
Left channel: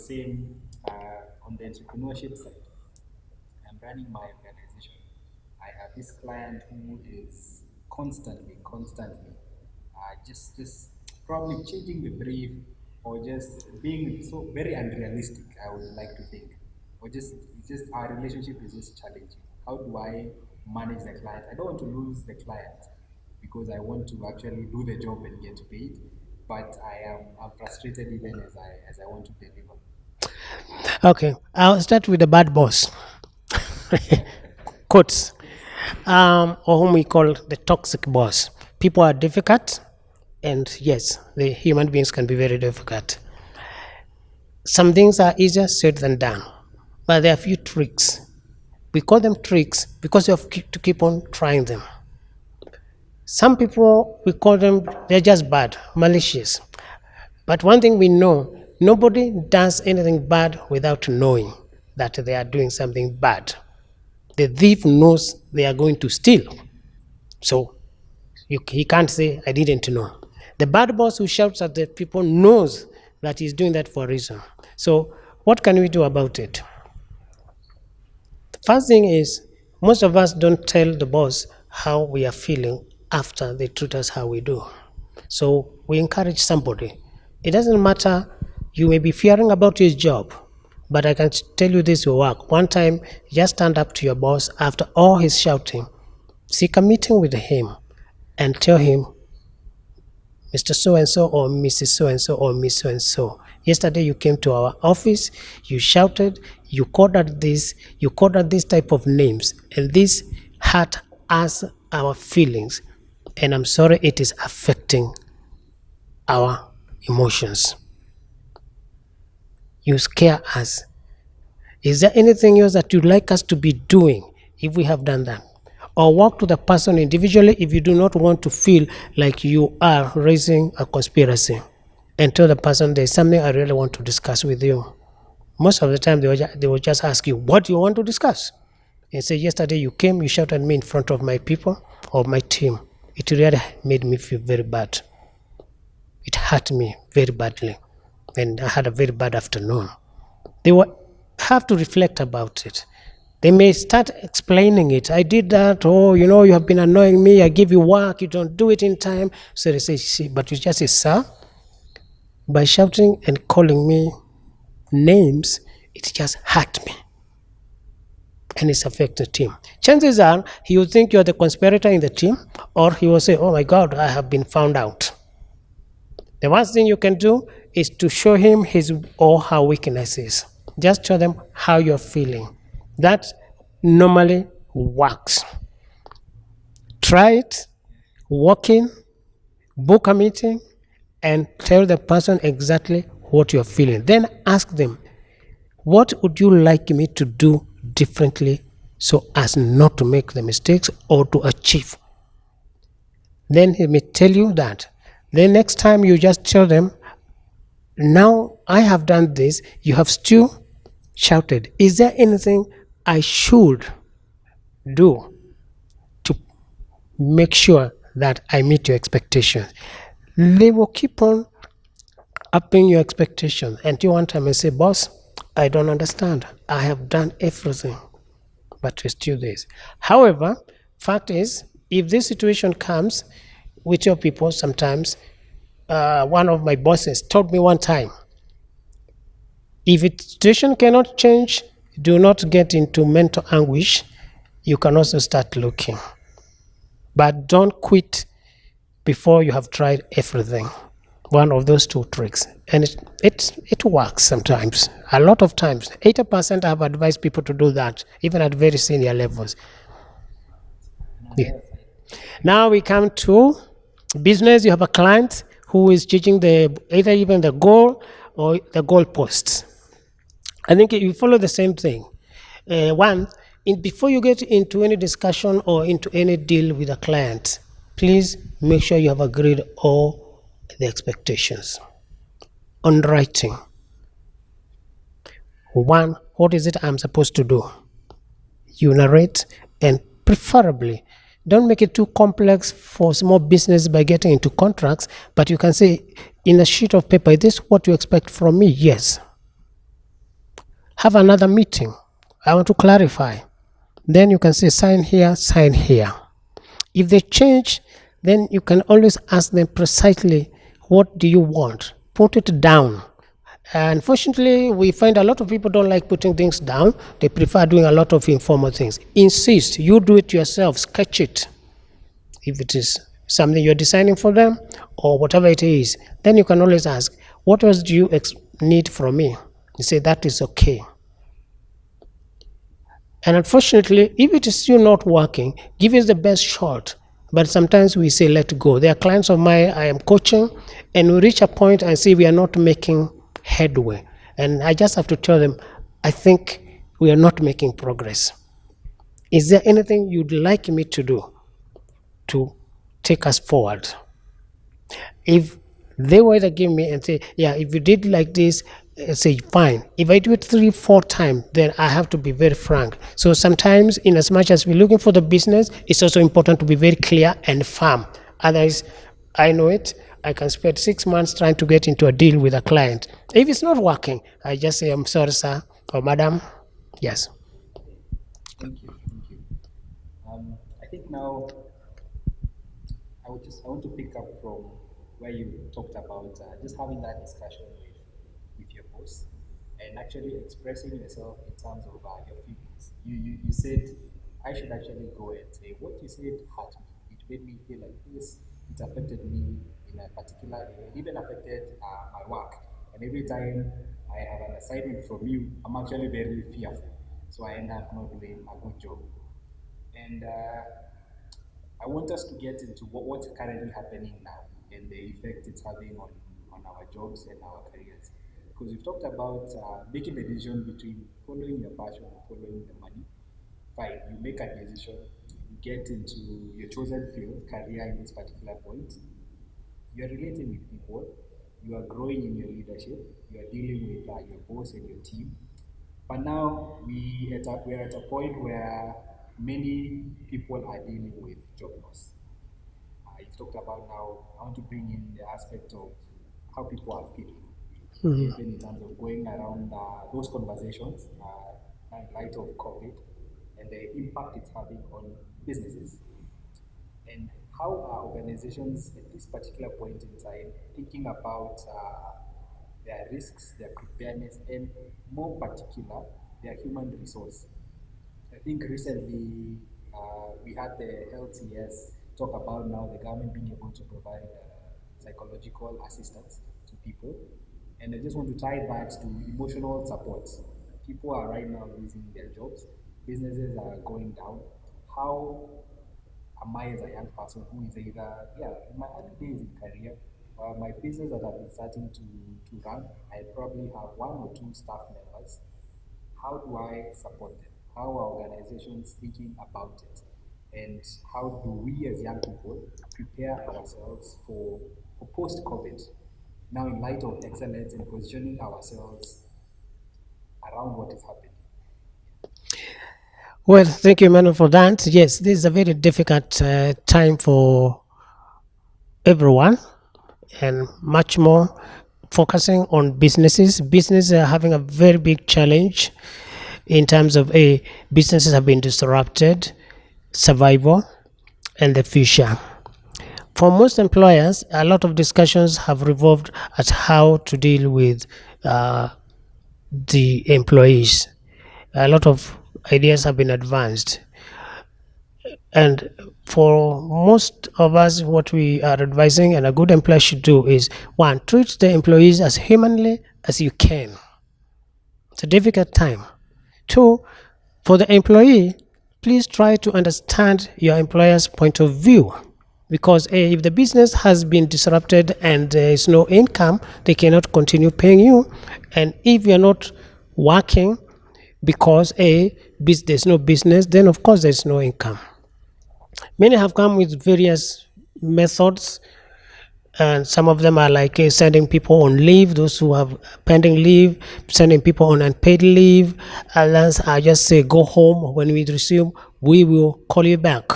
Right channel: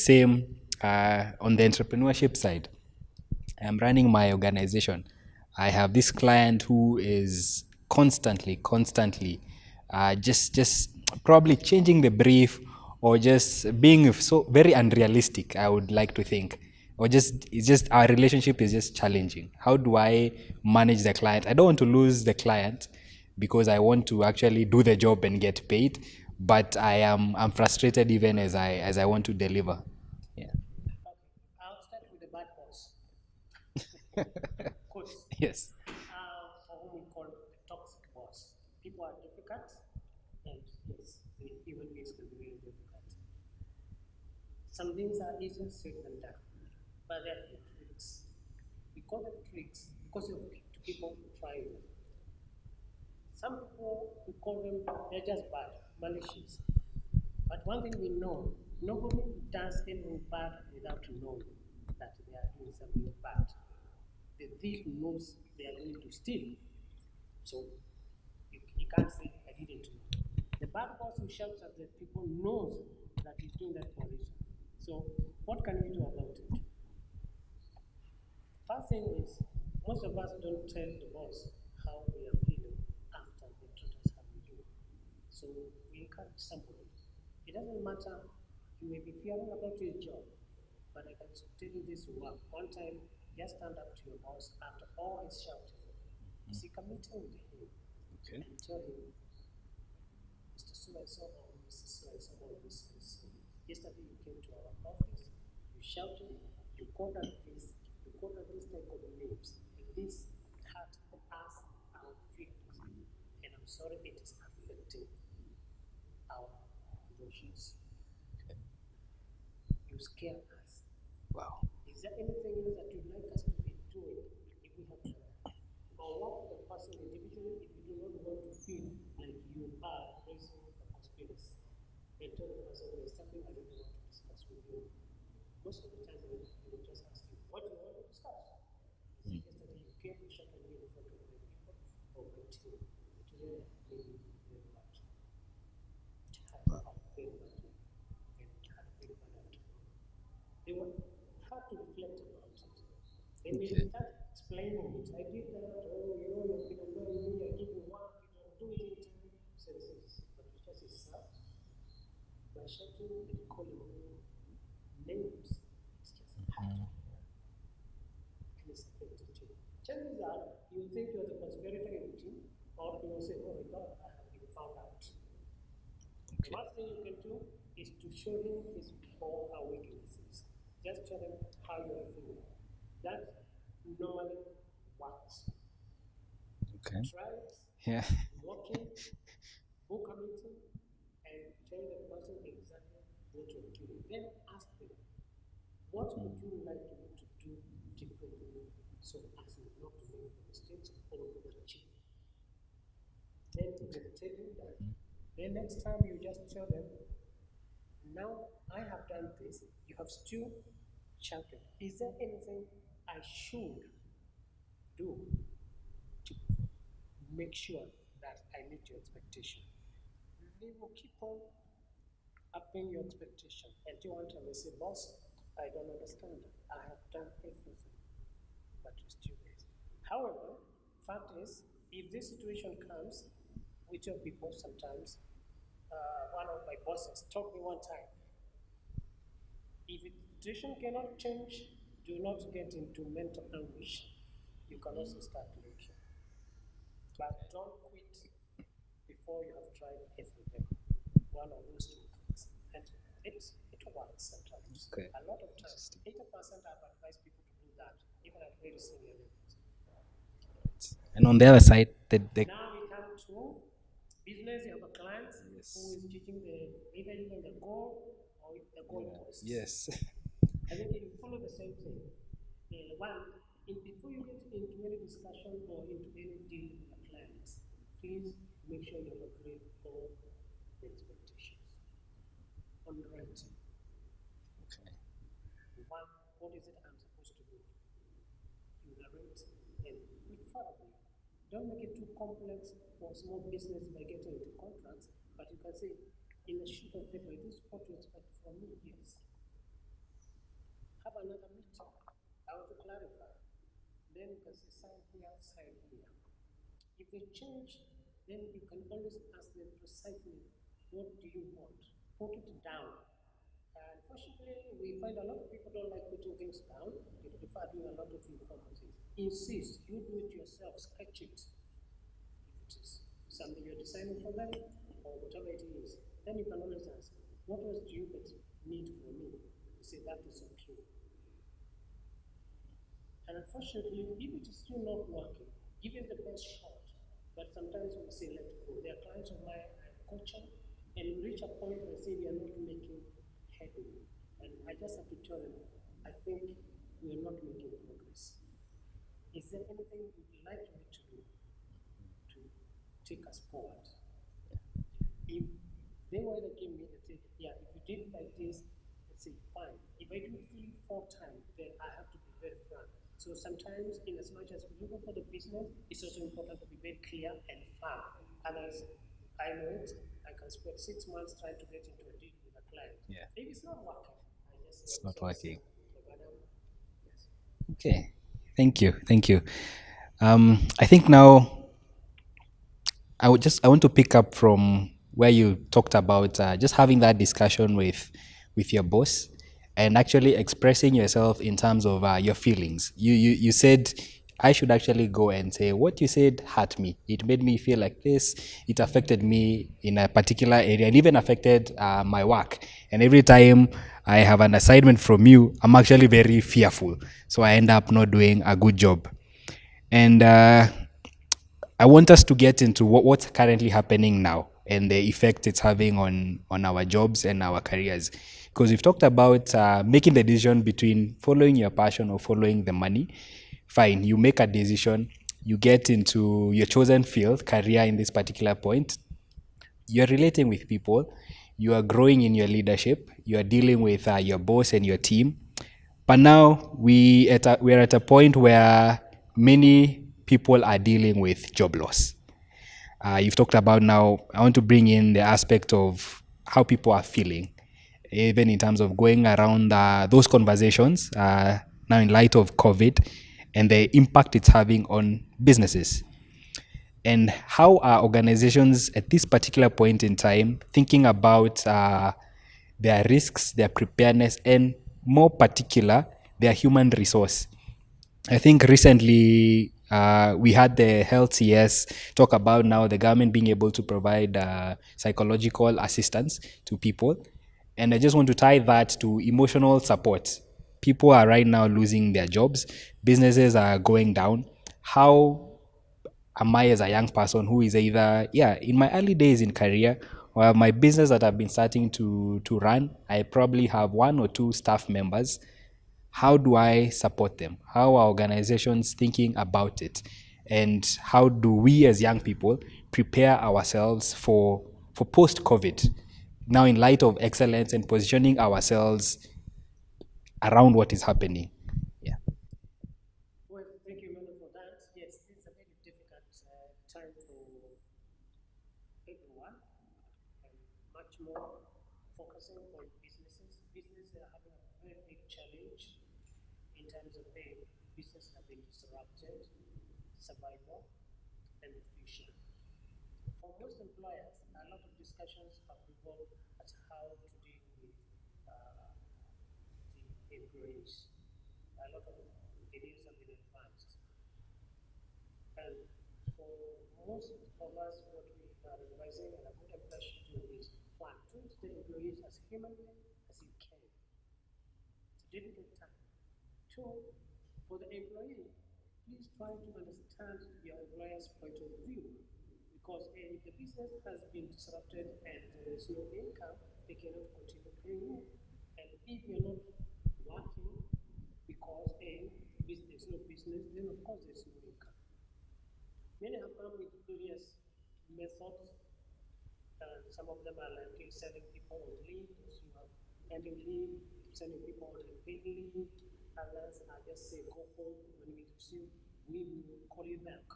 entrepreneurship side, I'm running my organization. I have this client who is constantly just probably changing the brief, or just being so very unrealistic, I would like to think, or it's just our relationship is just challenging. How do I manage the client? I don't want to lose the client because I want to actually do the job and get paid, but I'm frustrated even as I want to deliver. Okay, I'll start with the bad boss. Quotes. Yes. Or whom we call the toxic boss. People are difficult, and yes, the human beings can be very difficult. Some things are easier said than done, but there are a few tricks. We call them tricks because you have to keep on trying them. Some people, we call them, they're just bad, malicious. But one thing we know, nobody does anything bad without knowing that they are doing something bad. The thief knows they are going to steal. So he can't say, I didn't know. The bad boss who shouts at the people knows that he's doing that for a reason. So what can we do about it? The first thing is, most of us don't tell the boss how we are feeling after they treat us how we do. So we encourage somebody. It doesn't matter, you may be fearing about his job, but I can tell you this will work. One time, just stand up to your boss after all his shouting, seek a meeting with him, and tell him Mr. So-and-so or Mrs. So-and-so or Miss So-and-so. Yesterday you came to our office, you shouted, you called out this type of names, and this hurt us, our feelings. And I'm sorry it is affecting our emotions. You scare us. Is there anything else that you'd like us to be doing if we have done that? Or walk to the person individually if you do not want to feel like you are raising a conspiracy, and tell the person there's something I really want to discuss with you. Most of the time they will just ask you, what do you want to discuss? And say, yesterday you came, you shouted at me in front of my people or my team. It really made me feel very bad. It hurt me very badly, and I had a very bad afternoon. They will have to reflect about it. They may start explaining it. I did that. Oh, you have been annoying me. I give you work. You don't do it in time. So they say, see, but you just say, sir, by shouting and calling me names, it just hurt me. And it's affected the team. Chances are he will think you're the conspirator in the team, or he will say, oh my God, I have been found out. The worst thing you can do is to show him his or her weaknesses. Just show them how you're feeling. That normally works. Okay. Try it, walk in, book a meeting, and tell the person exactly what you're feeling. Then ask them, what would you like me to do differently so as not to make the mistakes or to achieve? Then he may tell you that. Then next time you just tell them, now I have done this, you have still shouted. Is there anything I should do to make sure that I meet your expectations? They will keep on upping your expectations until one time I say, boss, I don't understand. I have done everything, but you're still this. However, fact is, if this situation comes with your people, sometimes one of my bosses told me one time, if a situation cannot change, do not get into mental anguish. You can also start looking. But don't quit before you have tried everything. One of those two tricks. And it works sometimes. A lot of times. 80% I have advised people to do that, even at very senior levels. And on the other side, now we come to business. You have a client who is judging either even the goal or the goalposts. Yes. I think you follow the same thing. Before you get into any discussion or into any deal with a client, please make sure you have agreed all the expectations. On writing. One, what is it I'm supposed to do? You narrate, and preferably, don't make it too complex for small business by getting into contracts, but you can say, in a sheet of paper, is this what you expect from me? Yes. Have another meeting. I want to clarify. Then you can say, sign here, sign here. If they change, then you can always ask them precisely, what do you want? Put it down. Unfortunately, we find a lot of people don't like putting things down. They prefer doing a lot of informal things. Insist, you do it yourself, sketch it. If it is something you're designing for them or whatever it is, then you can always ask, what else do you need from me? You say, that is okay. And unfortunately, if it is still not working, give it the best shot. But sometimes we say, let go. There are clients of mine I am coaching, and we reach a point and see we are not making headway. And I just have to tell them, I think we are not making progress. Is there anything you'd like me to do to take us forward? If they were to give me and say, yeah, if you did like this, say, fine. If I do it 3-4 times, then I have to be very frank. So sometimes, in as much as we're looking for the business, it's also important to be very clear and firm. Otherwise, I know it, I can spend 6 months trying to get into a deal with a client. If it's not working, I just say, I'm sorry, sir, or madam. Yes. Okay. Thank you. I think now I want to pick up from where you talked about just having that discussion with your boss and actually expressing yourself in terms of your feelings. You said I should actually go and say, what you said hurt me. It made me feel like this. It affected me in a particular area and even affected my work. And every time I have an assignment from you, I'm actually very fearful. So I end up not doing a good job. And I want us to get into what's currently happening now and the effect it's having on our jobs and our careers. Because we've talked about making the decision between following your passion or following the money. Fine, you make a decision, you get into your chosen field, career in this particular point. You're relating with people, you are growing in your leadership, you are dealing with your boss and your team. But now we're at a point where many people are dealing with job loss. You've talked about now, I want to bring in the aspect of how people are feeling, even in terms of going around those conversations now in light of COVID and the impact it's having on businesses. And how are organizations at this particular point in time thinking about their risks, their preparedness, and more particular, their human resource? I think recently we had the health CS talk about now the government being able to provide psychological assistance to people. And I just want to tie that to emotional support. People are right now losing their jobs. Businesses are going down. How am I as a young person who is either, in my early days in career or my business that I've been starting to run, I probably have 1 or 2 staff members. How do I support them? How are organizations thinking about it? And how do we as young people prepare ourselves for post-COVID? Now in light of excellence and positioning ourselves around what is happening. Yeah. Well, thank you, Emmanuel, for that. Yes, this is a very difficult time for everyone, and much more focusing on businesses. Businesses are having a very big challenge in terms of businesses have been disrupted, survival, and the future. For most employers, a lot of discussions have revolved at how to deal with the employees. A lot of ideas have been advanced. And for most of us, what we are advising and a good employer should do is, 1, treat the employees as humanly as you can. It's a difficult time. 2, for the employee, please try to understand your employer's point of view. Because if the business has been disrupted and there is no income, they cannot continue paying you. And if you're not working because there's no business, then of course there's no income. Many have come with various methods, and some of them are like sending people on leave, those who have pending leave, sending people on unpaid leave. Others are just say, go home, when we resume, we will call you back.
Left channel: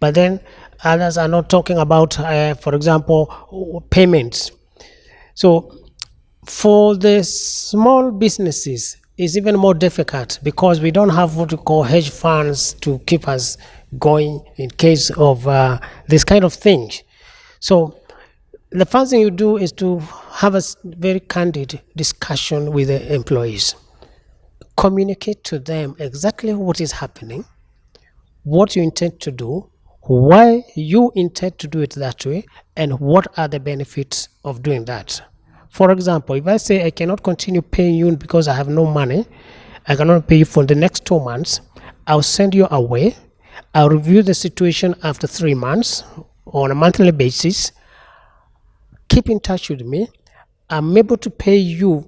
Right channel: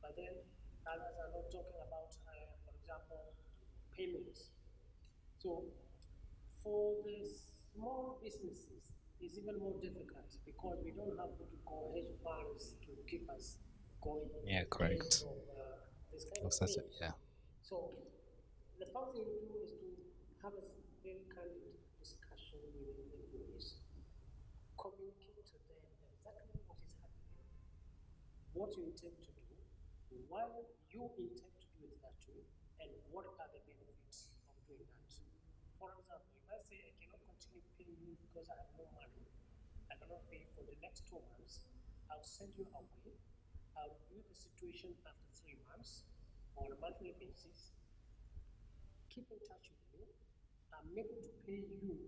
But then others are not talking about, for example, payments. So for the small businesses, it's even more difficult because we don't have what we call hedge funds to keep us going in case of this kind of thing. So the first thing you do is to have a very candid discussion with the employees. Communicate to them exactly what is happening, what you intend to do, why you intend to do it that way, and what are the benefits of doing that. For example, if I say I cannot continue paying you because I have no money, I cannot pay you for the next 2 months, I'll send you away. I'll review the situation after 3 months on a monthly basis. Keep in touch with me. I'm able to pay you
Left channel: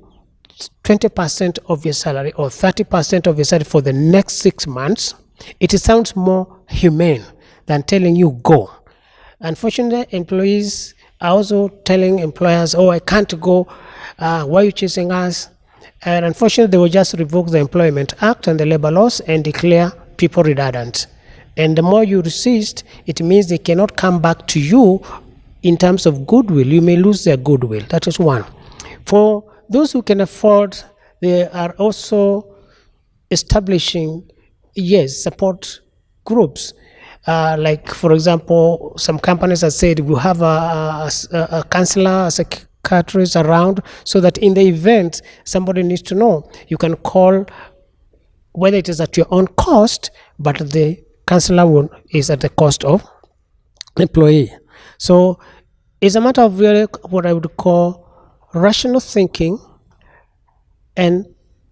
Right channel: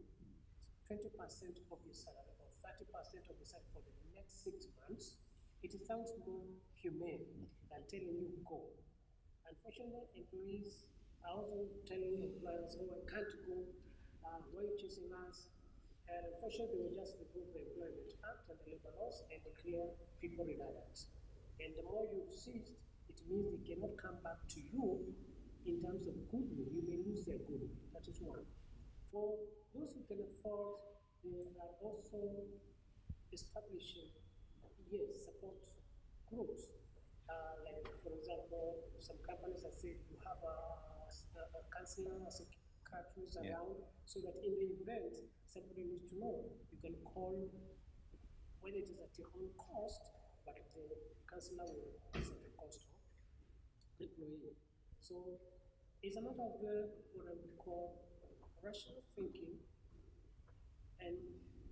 20% of your salary or 30% of your salary for the next 6 months. It sounds more humane than telling you go. Unfortunately, employees are also telling employers, I can't go. Why are you chasing us? And unfortunately, they will just revoke the Employment Act and the labor laws and declare people redundant. And the more you resist, it means they cannot come back to you in terms of goodwill. You may lose their goodwill. That is one. For those who can afford, they are also establishing, support groups. Like, for example, some companies have said we have a counselor, a psychiatrist around, so that in the event somebody needs to know, you can call, whether it is at your own cost, but the counselor is at the cost of employee. So it's a matter of really what I would call rational thinking and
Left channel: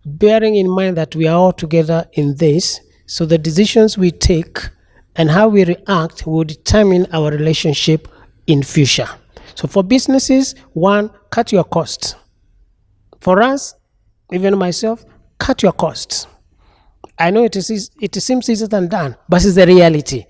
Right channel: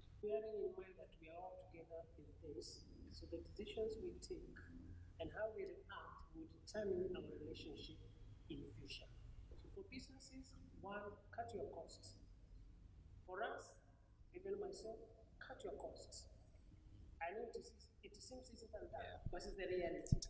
bearing in mind that we are all together in this. So the decisions we take and how we react will determine our relationship in future. So for businesses, one, cut your costs. For us, even myself, cut your costs. I know it seems easier than done, but it's the reality.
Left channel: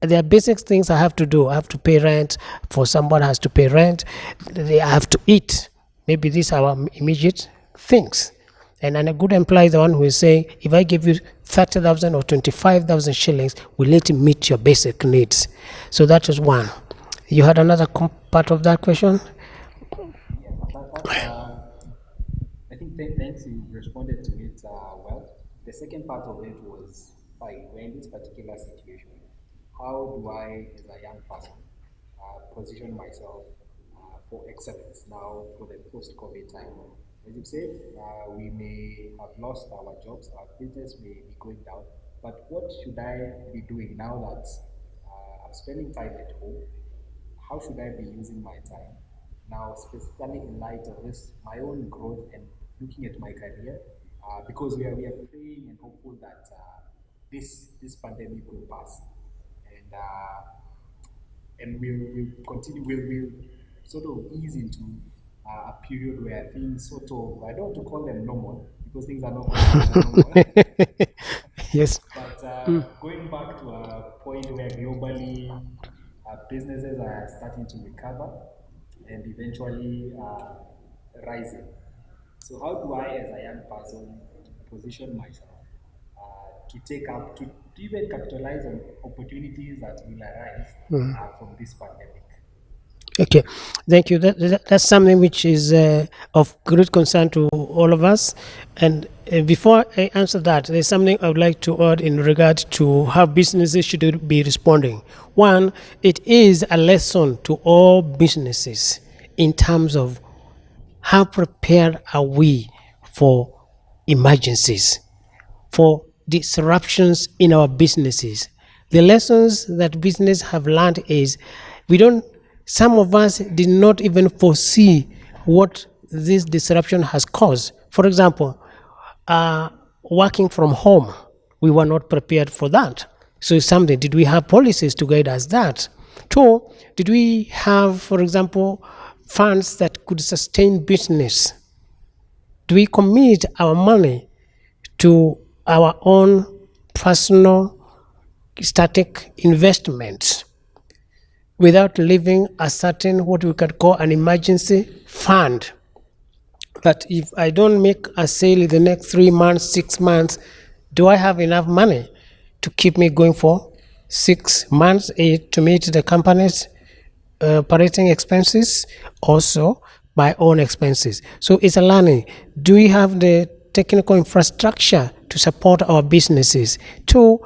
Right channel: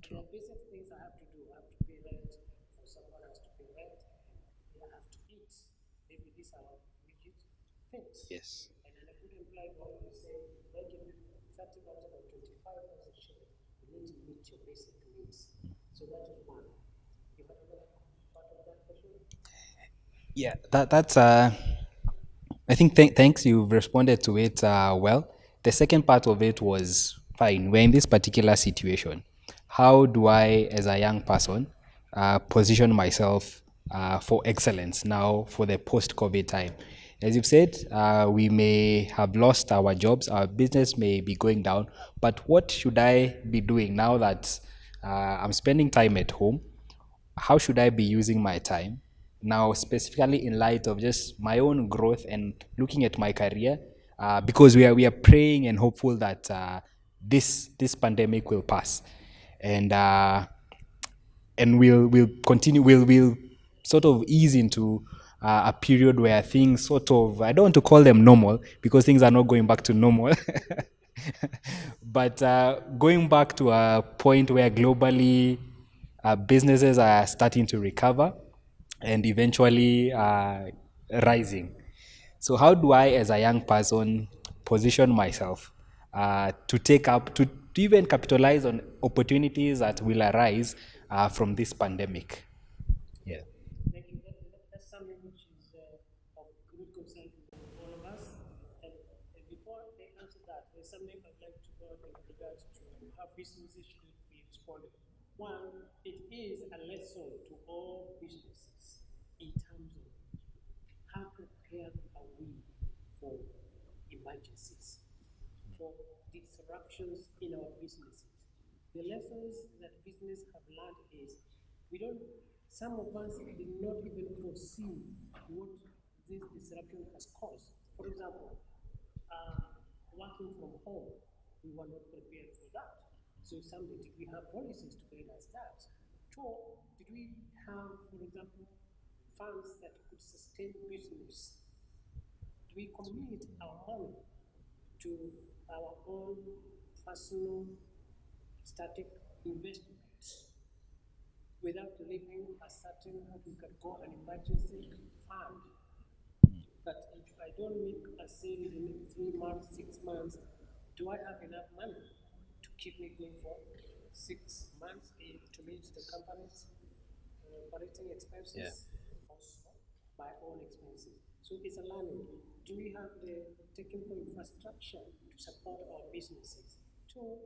There are basic things I have to do. I have to pay rent. For someone has to pay rent. They have to eat. Maybe these are our immediate things. Yes. And a good employee is the one who is saying, if I give you 30,000 or 25,000 shillings, will it meet your basic needs? So that is one. You had another part of that question? Yeah, that's. I think thanks. You've responded to it well. The second part of it was fine. We're in this particular situation. How do I, as a young person, position myself for excellence now for the post-COVID time? As you've said, we may have lost our jobs, our business may be going down, but what should I be doing now that I'm spending time at home? How should I be using my time? Now, specifically in light of just my own growth and looking at my career, because we are praying and hopeful that this pandemic will pass, and we'll continue. We'll sort of ease into a period where things sort of, I don't want to call them normal because things are not going back to normal. Yes. But going back to a point where globally businesses are starting to recover and eventually rising. So how do I, as a young person, position myself to take up, to even capitalize on opportunities that will arise from this pandemic? Okay, thank you. That's something which is of great concern to all of us. And before I answer that, there's something I would like to add in regard to how businesses should be responding. One, it is a lesson to all businesses in terms of how prepared are we for emergencies, for disruptions in our businesses. The lessons that business have learned is some of us did not even foresee what this disruption has caused. For example, working from home, we were not prepared for that. So something, did we have policies to guide us that? Two, did we have, for example, funds that could sustain business? Do we commit our money to our own personal static investments without leaving a certain, what we could call an emergency fund? That if I don't make a sale in the next 3 months, 6 months, do I have enough money to keep me going for 6 months to meet the company's operating expenses, also my own expenses? So it's a learning. Do we have the technical infrastructure to support our businesses? Two,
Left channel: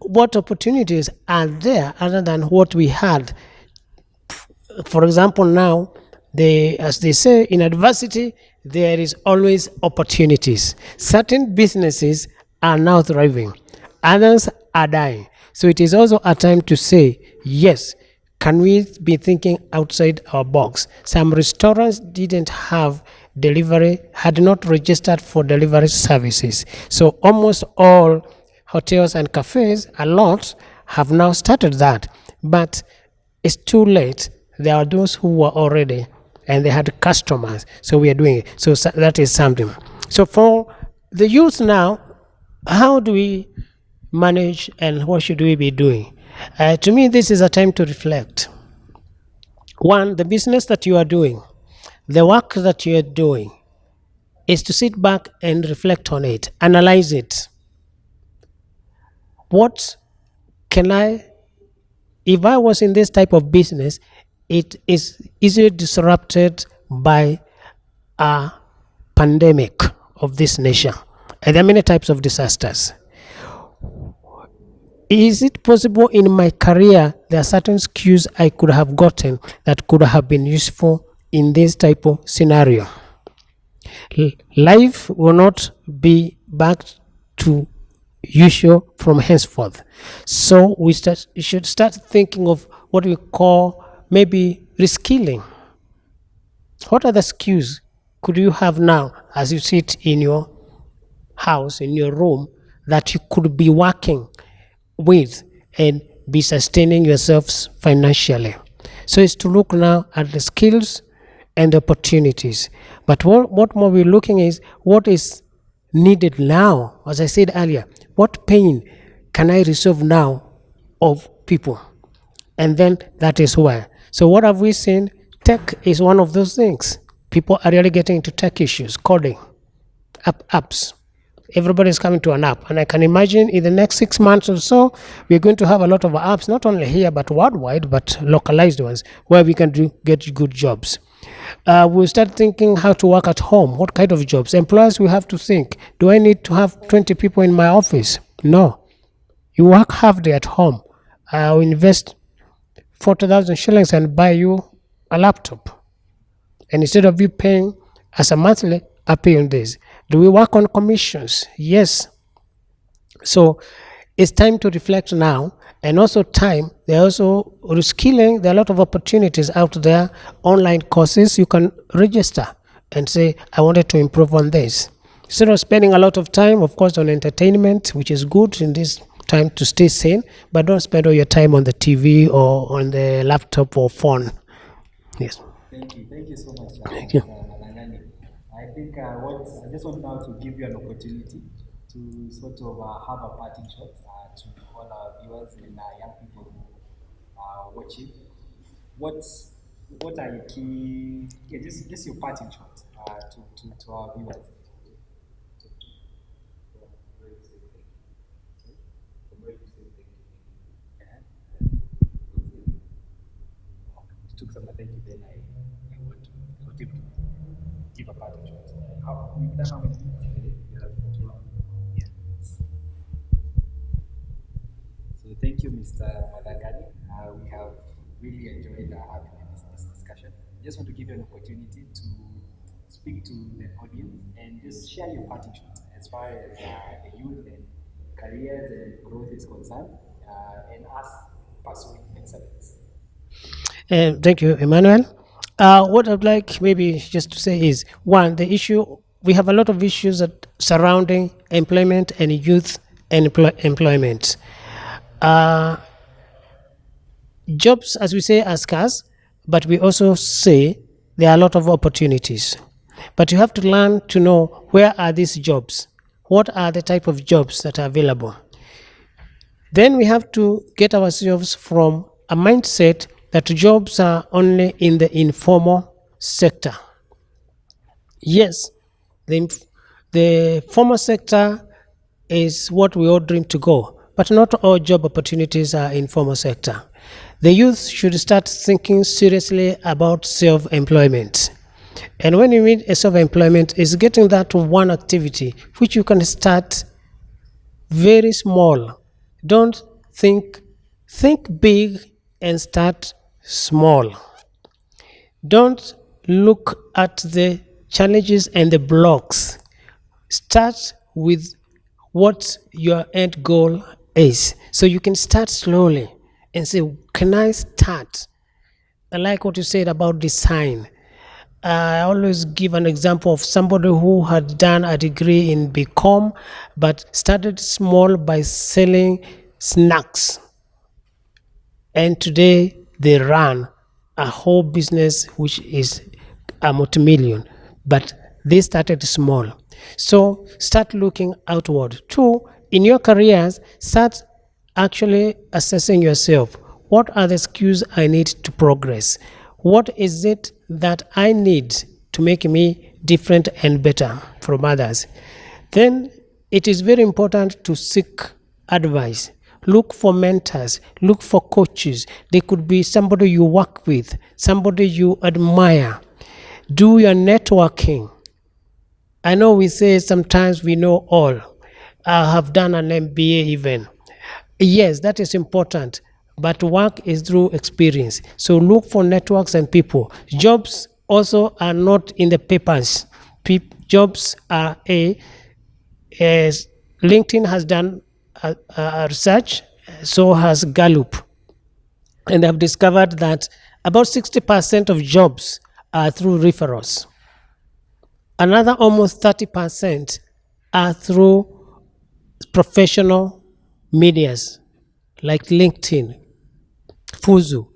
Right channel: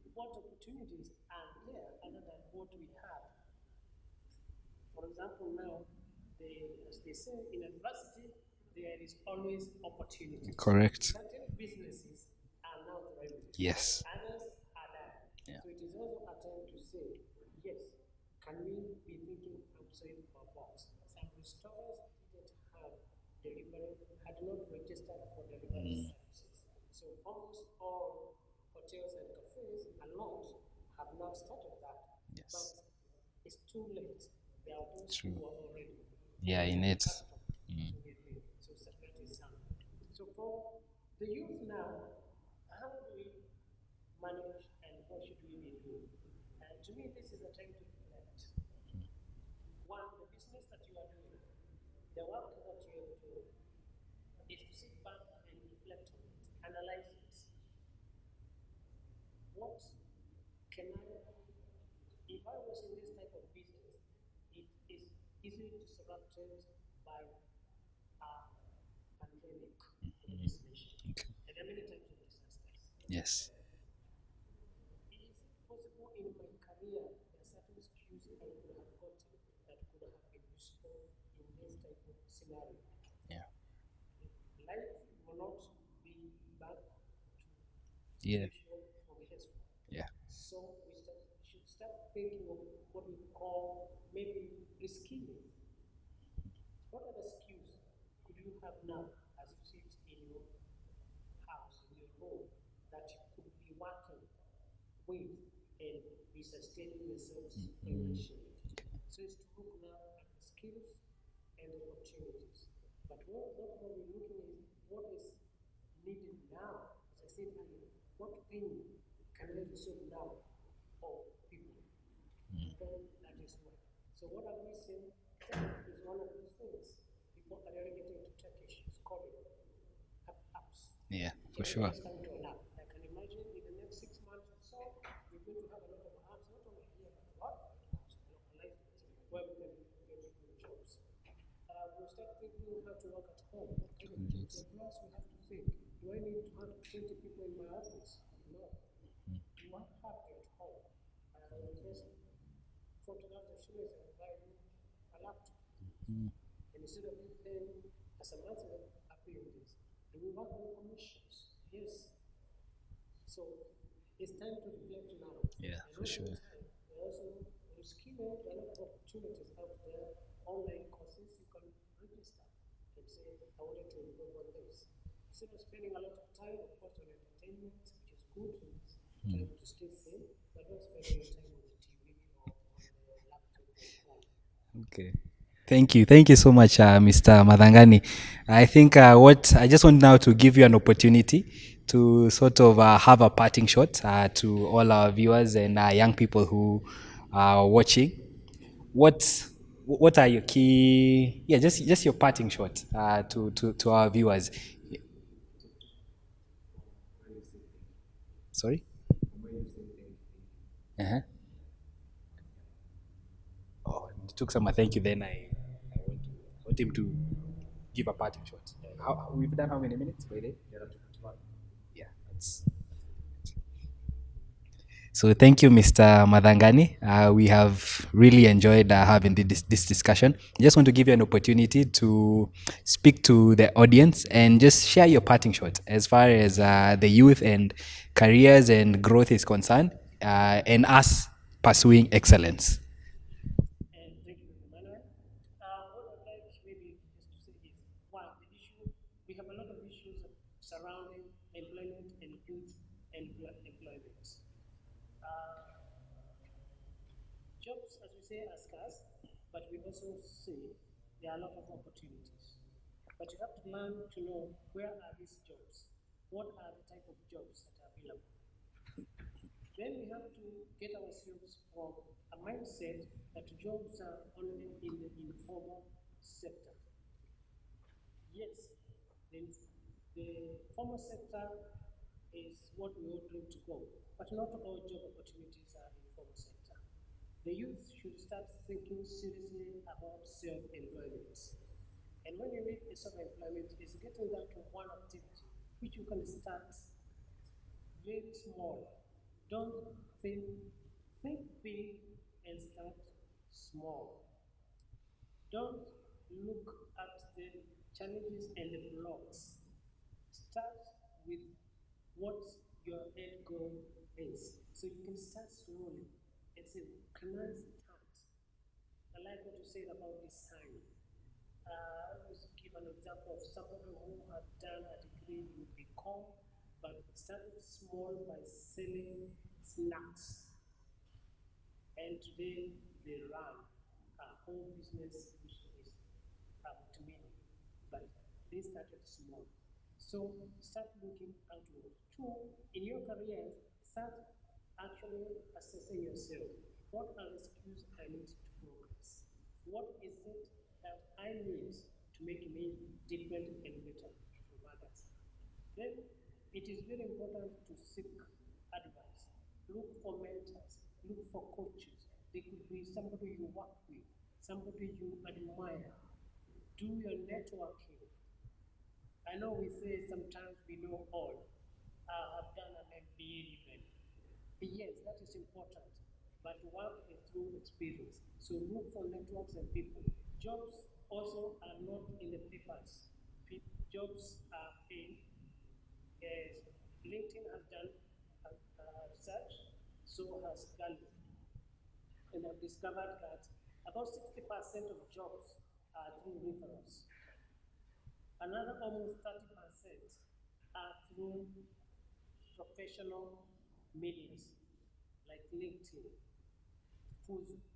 what opportunities are there other than what we had? For example, now, as they say, in adversity, there is always opportunities. Correct. Certain businesses are now thriving. Yes. Others are dying. So it is also a time to say, yes, can we be thinking outside our box? Some restaurants didn't have delivery, had not registered for delivery services. So almost all hotels and cafes, a lot, have now started that. But it's too late. There are those who were already, and they had customers. So we are doing it. So that is something. So for the youth now, how do we manage and what should we be doing? To me, this is a time to reflect. One, the business that you are doing, the work that you are doing, is to sit back and reflect on it, analyze it. What can if I was in this type of business, it is easily disrupted by a pandemic of this nation. And there are many types of disasters. Yes. Is it possible in my career there are certain skills I could have gotten that could have been useful in this type of scenario? Life will not be back to usual from henceforth. So we should start thinking of what we call maybe reskilling. What other skills could you have now as you sit in your house, in your room, that you could be working with and be sustaining yourselves financially? So it's to look now at the skills and opportunities. But what more we're looking is what is needed now. As I said earlier, what pain can I resolve now of people? And then that is where. So what have we seen? Tech is one of those things. People are really getting into tech issues, coding, apps. Yeah. Everybody's coming to an app. And I can imagine in the next 6 months or so, we're going to have a lot of apps, not only here, but worldwide, but localized ones, where we can get good jobs. We'll start thinking how to work at home. What kind of jobs? Employers will have to think, do I need to have 20 people in my office? No. You work half day at home. I'll invest 40,000 shillings and buy you a laptop. And instead of you paying as a monthly, I pay on this. Do we work on commissions? Yes. So it's time to reflect now, and also time. There are also reskilling. There are a lot of opportunities out there, online courses. You can register and say, I wanted to improve on this. Instead of spending a lot of time, of course, on entertainment, which is good in this time to stay sane, but don't spend all your time on the TV or on the laptop or phone. Okay. Yes. Thank you. Thank you so much, Mr. Mathangani. I think what I just want now to give you an opportunity to sort of have a parting shot to all our viewers and young people who are watching. What are your key? Yeah, just your parting shot to our viewers. Sorry. Uh-huh. Oh, it took some. Thank you. Then I want him to give a parting shot. We've done how many minutes? Really? Yeah. So thank you, Mr. Mathangani. We have really enjoyed having this discussion. I just want to give you an opportunity to speak to the audience and just share your parting shot as far as the youth and careers and growth is concerned, and us pursuing excellence. Thank you, Emmanuel. What I'd like maybe just to say is, one, the issue, we have a lot of issues that surrounding employment and youth employment. Jobs, as we say, are scarce, but we also say there are a lot of opportunities. But you have to learn to know, where are these jobs? What are the type of jobs that are available? Then we have to get ourselves from a mindset that jobs are only in the informal sector. Yes, the formal sector is what we all dream to go, but not all job opportunities are in formal sector. The youth should start thinking seriously about self-employment. And when you mean a self-employment, is getting that one activity which you can start very small. Don't think big and start small. Don't look at the challenges and the blocks. Start with what your end goal is. So you can start slowly and say, can I start? I like what you said about design. I always give an example of somebody who had done a degree in BCom, but started small by selling snacks. And today they run a whole business which is a multi-million, but they started small. So start looking outward. Two, in your careers, start actually assessing yourself. What are the skills I need to progress? What is it that I need to make me different and better from others? Then it is very important to seek advice. Look for mentors, look for coaches. They could be somebody you work with, somebody you admire. Do your networking. I know we say sometimes we know all. I have done an MBA even. Yes, that is important, but work is through experience. So look for networks and people. Jobs also are not in the papers. Jobs are as LinkedIn has done research, so has Gallup, and they've discovered that about 60% of jobs are through referrals. Another almost 30% are through professional medias like LinkedIn, Fuzu,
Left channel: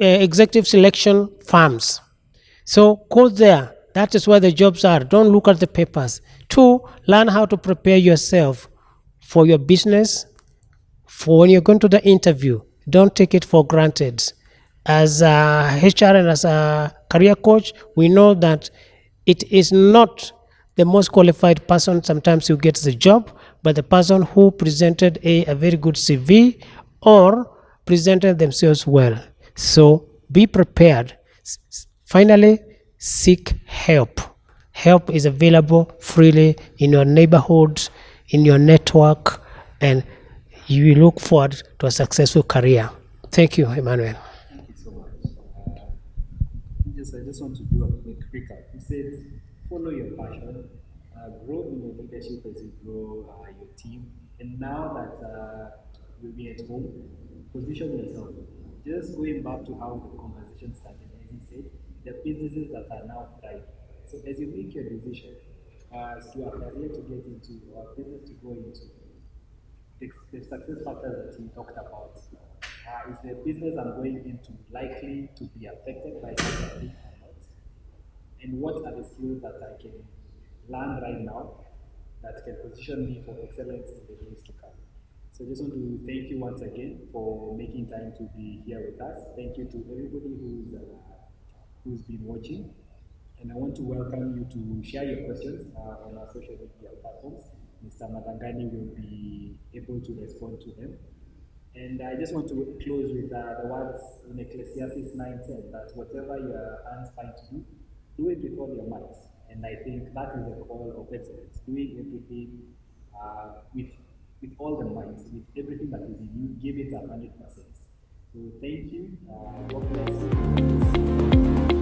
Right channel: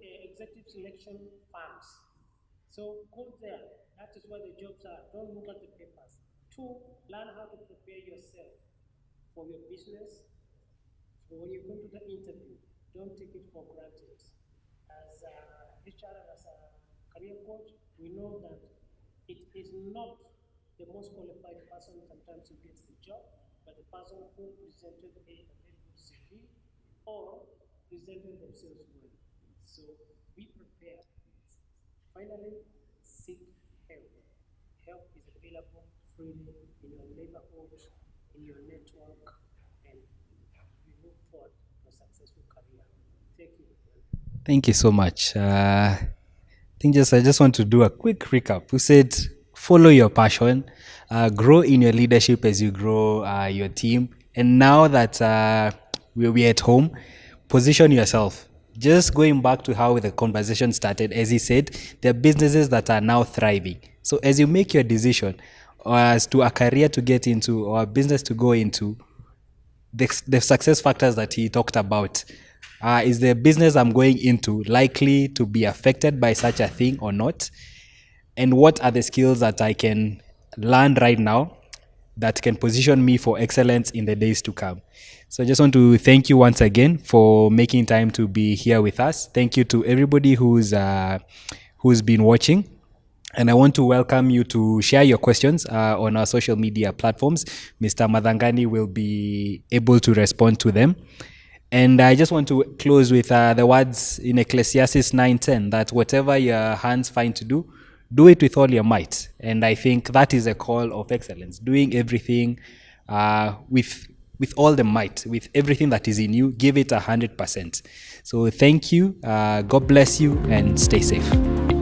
executive selection firms. So go there. That is where the jobs are. Don't look at the papers. 2, learn how to prepare yourself for your business, for when you're going to the interview. Don't take it for granted. As a HR and as a career coach, we know that it is not the most qualified person sometimes who gets the job, but the person who presented a very good CV or presented themselves well. So be prepared. Finally, seek help. Help is available freely in your neighborhood, in your network, and you look forward to a successful career. Thank you, Emmanuel. Thank you so much. I just want to do a quick recap. We said follow your passion, grow in your leadership as you grow your team. And now that we're at home, position yourself. Just going back to how the conversation started, as he said, there are businesses that are now thriving. So as you make your decision as to a career to get into or a business to go into, the success factors that he talked about, is the business I'm going into likely to be affected by such a thing or not? And what are the skills that I can learn right now that can position me for excellence in the days to come? So I just want to thank you once again for making time to be here with us. Thank you to everybody who's been watching. And I want to welcome you to share your questions on our social media platforms. Mr. Mathangani will be able to respond to them. And I just want to close with the words in Ecclesiastes 9:10, that whatever your hands find to do it with all your might. And I think that is a call of excellence, doing everything with all the might, with everything that is in you. Give it 100%. So thank you. God bless you and stay safe.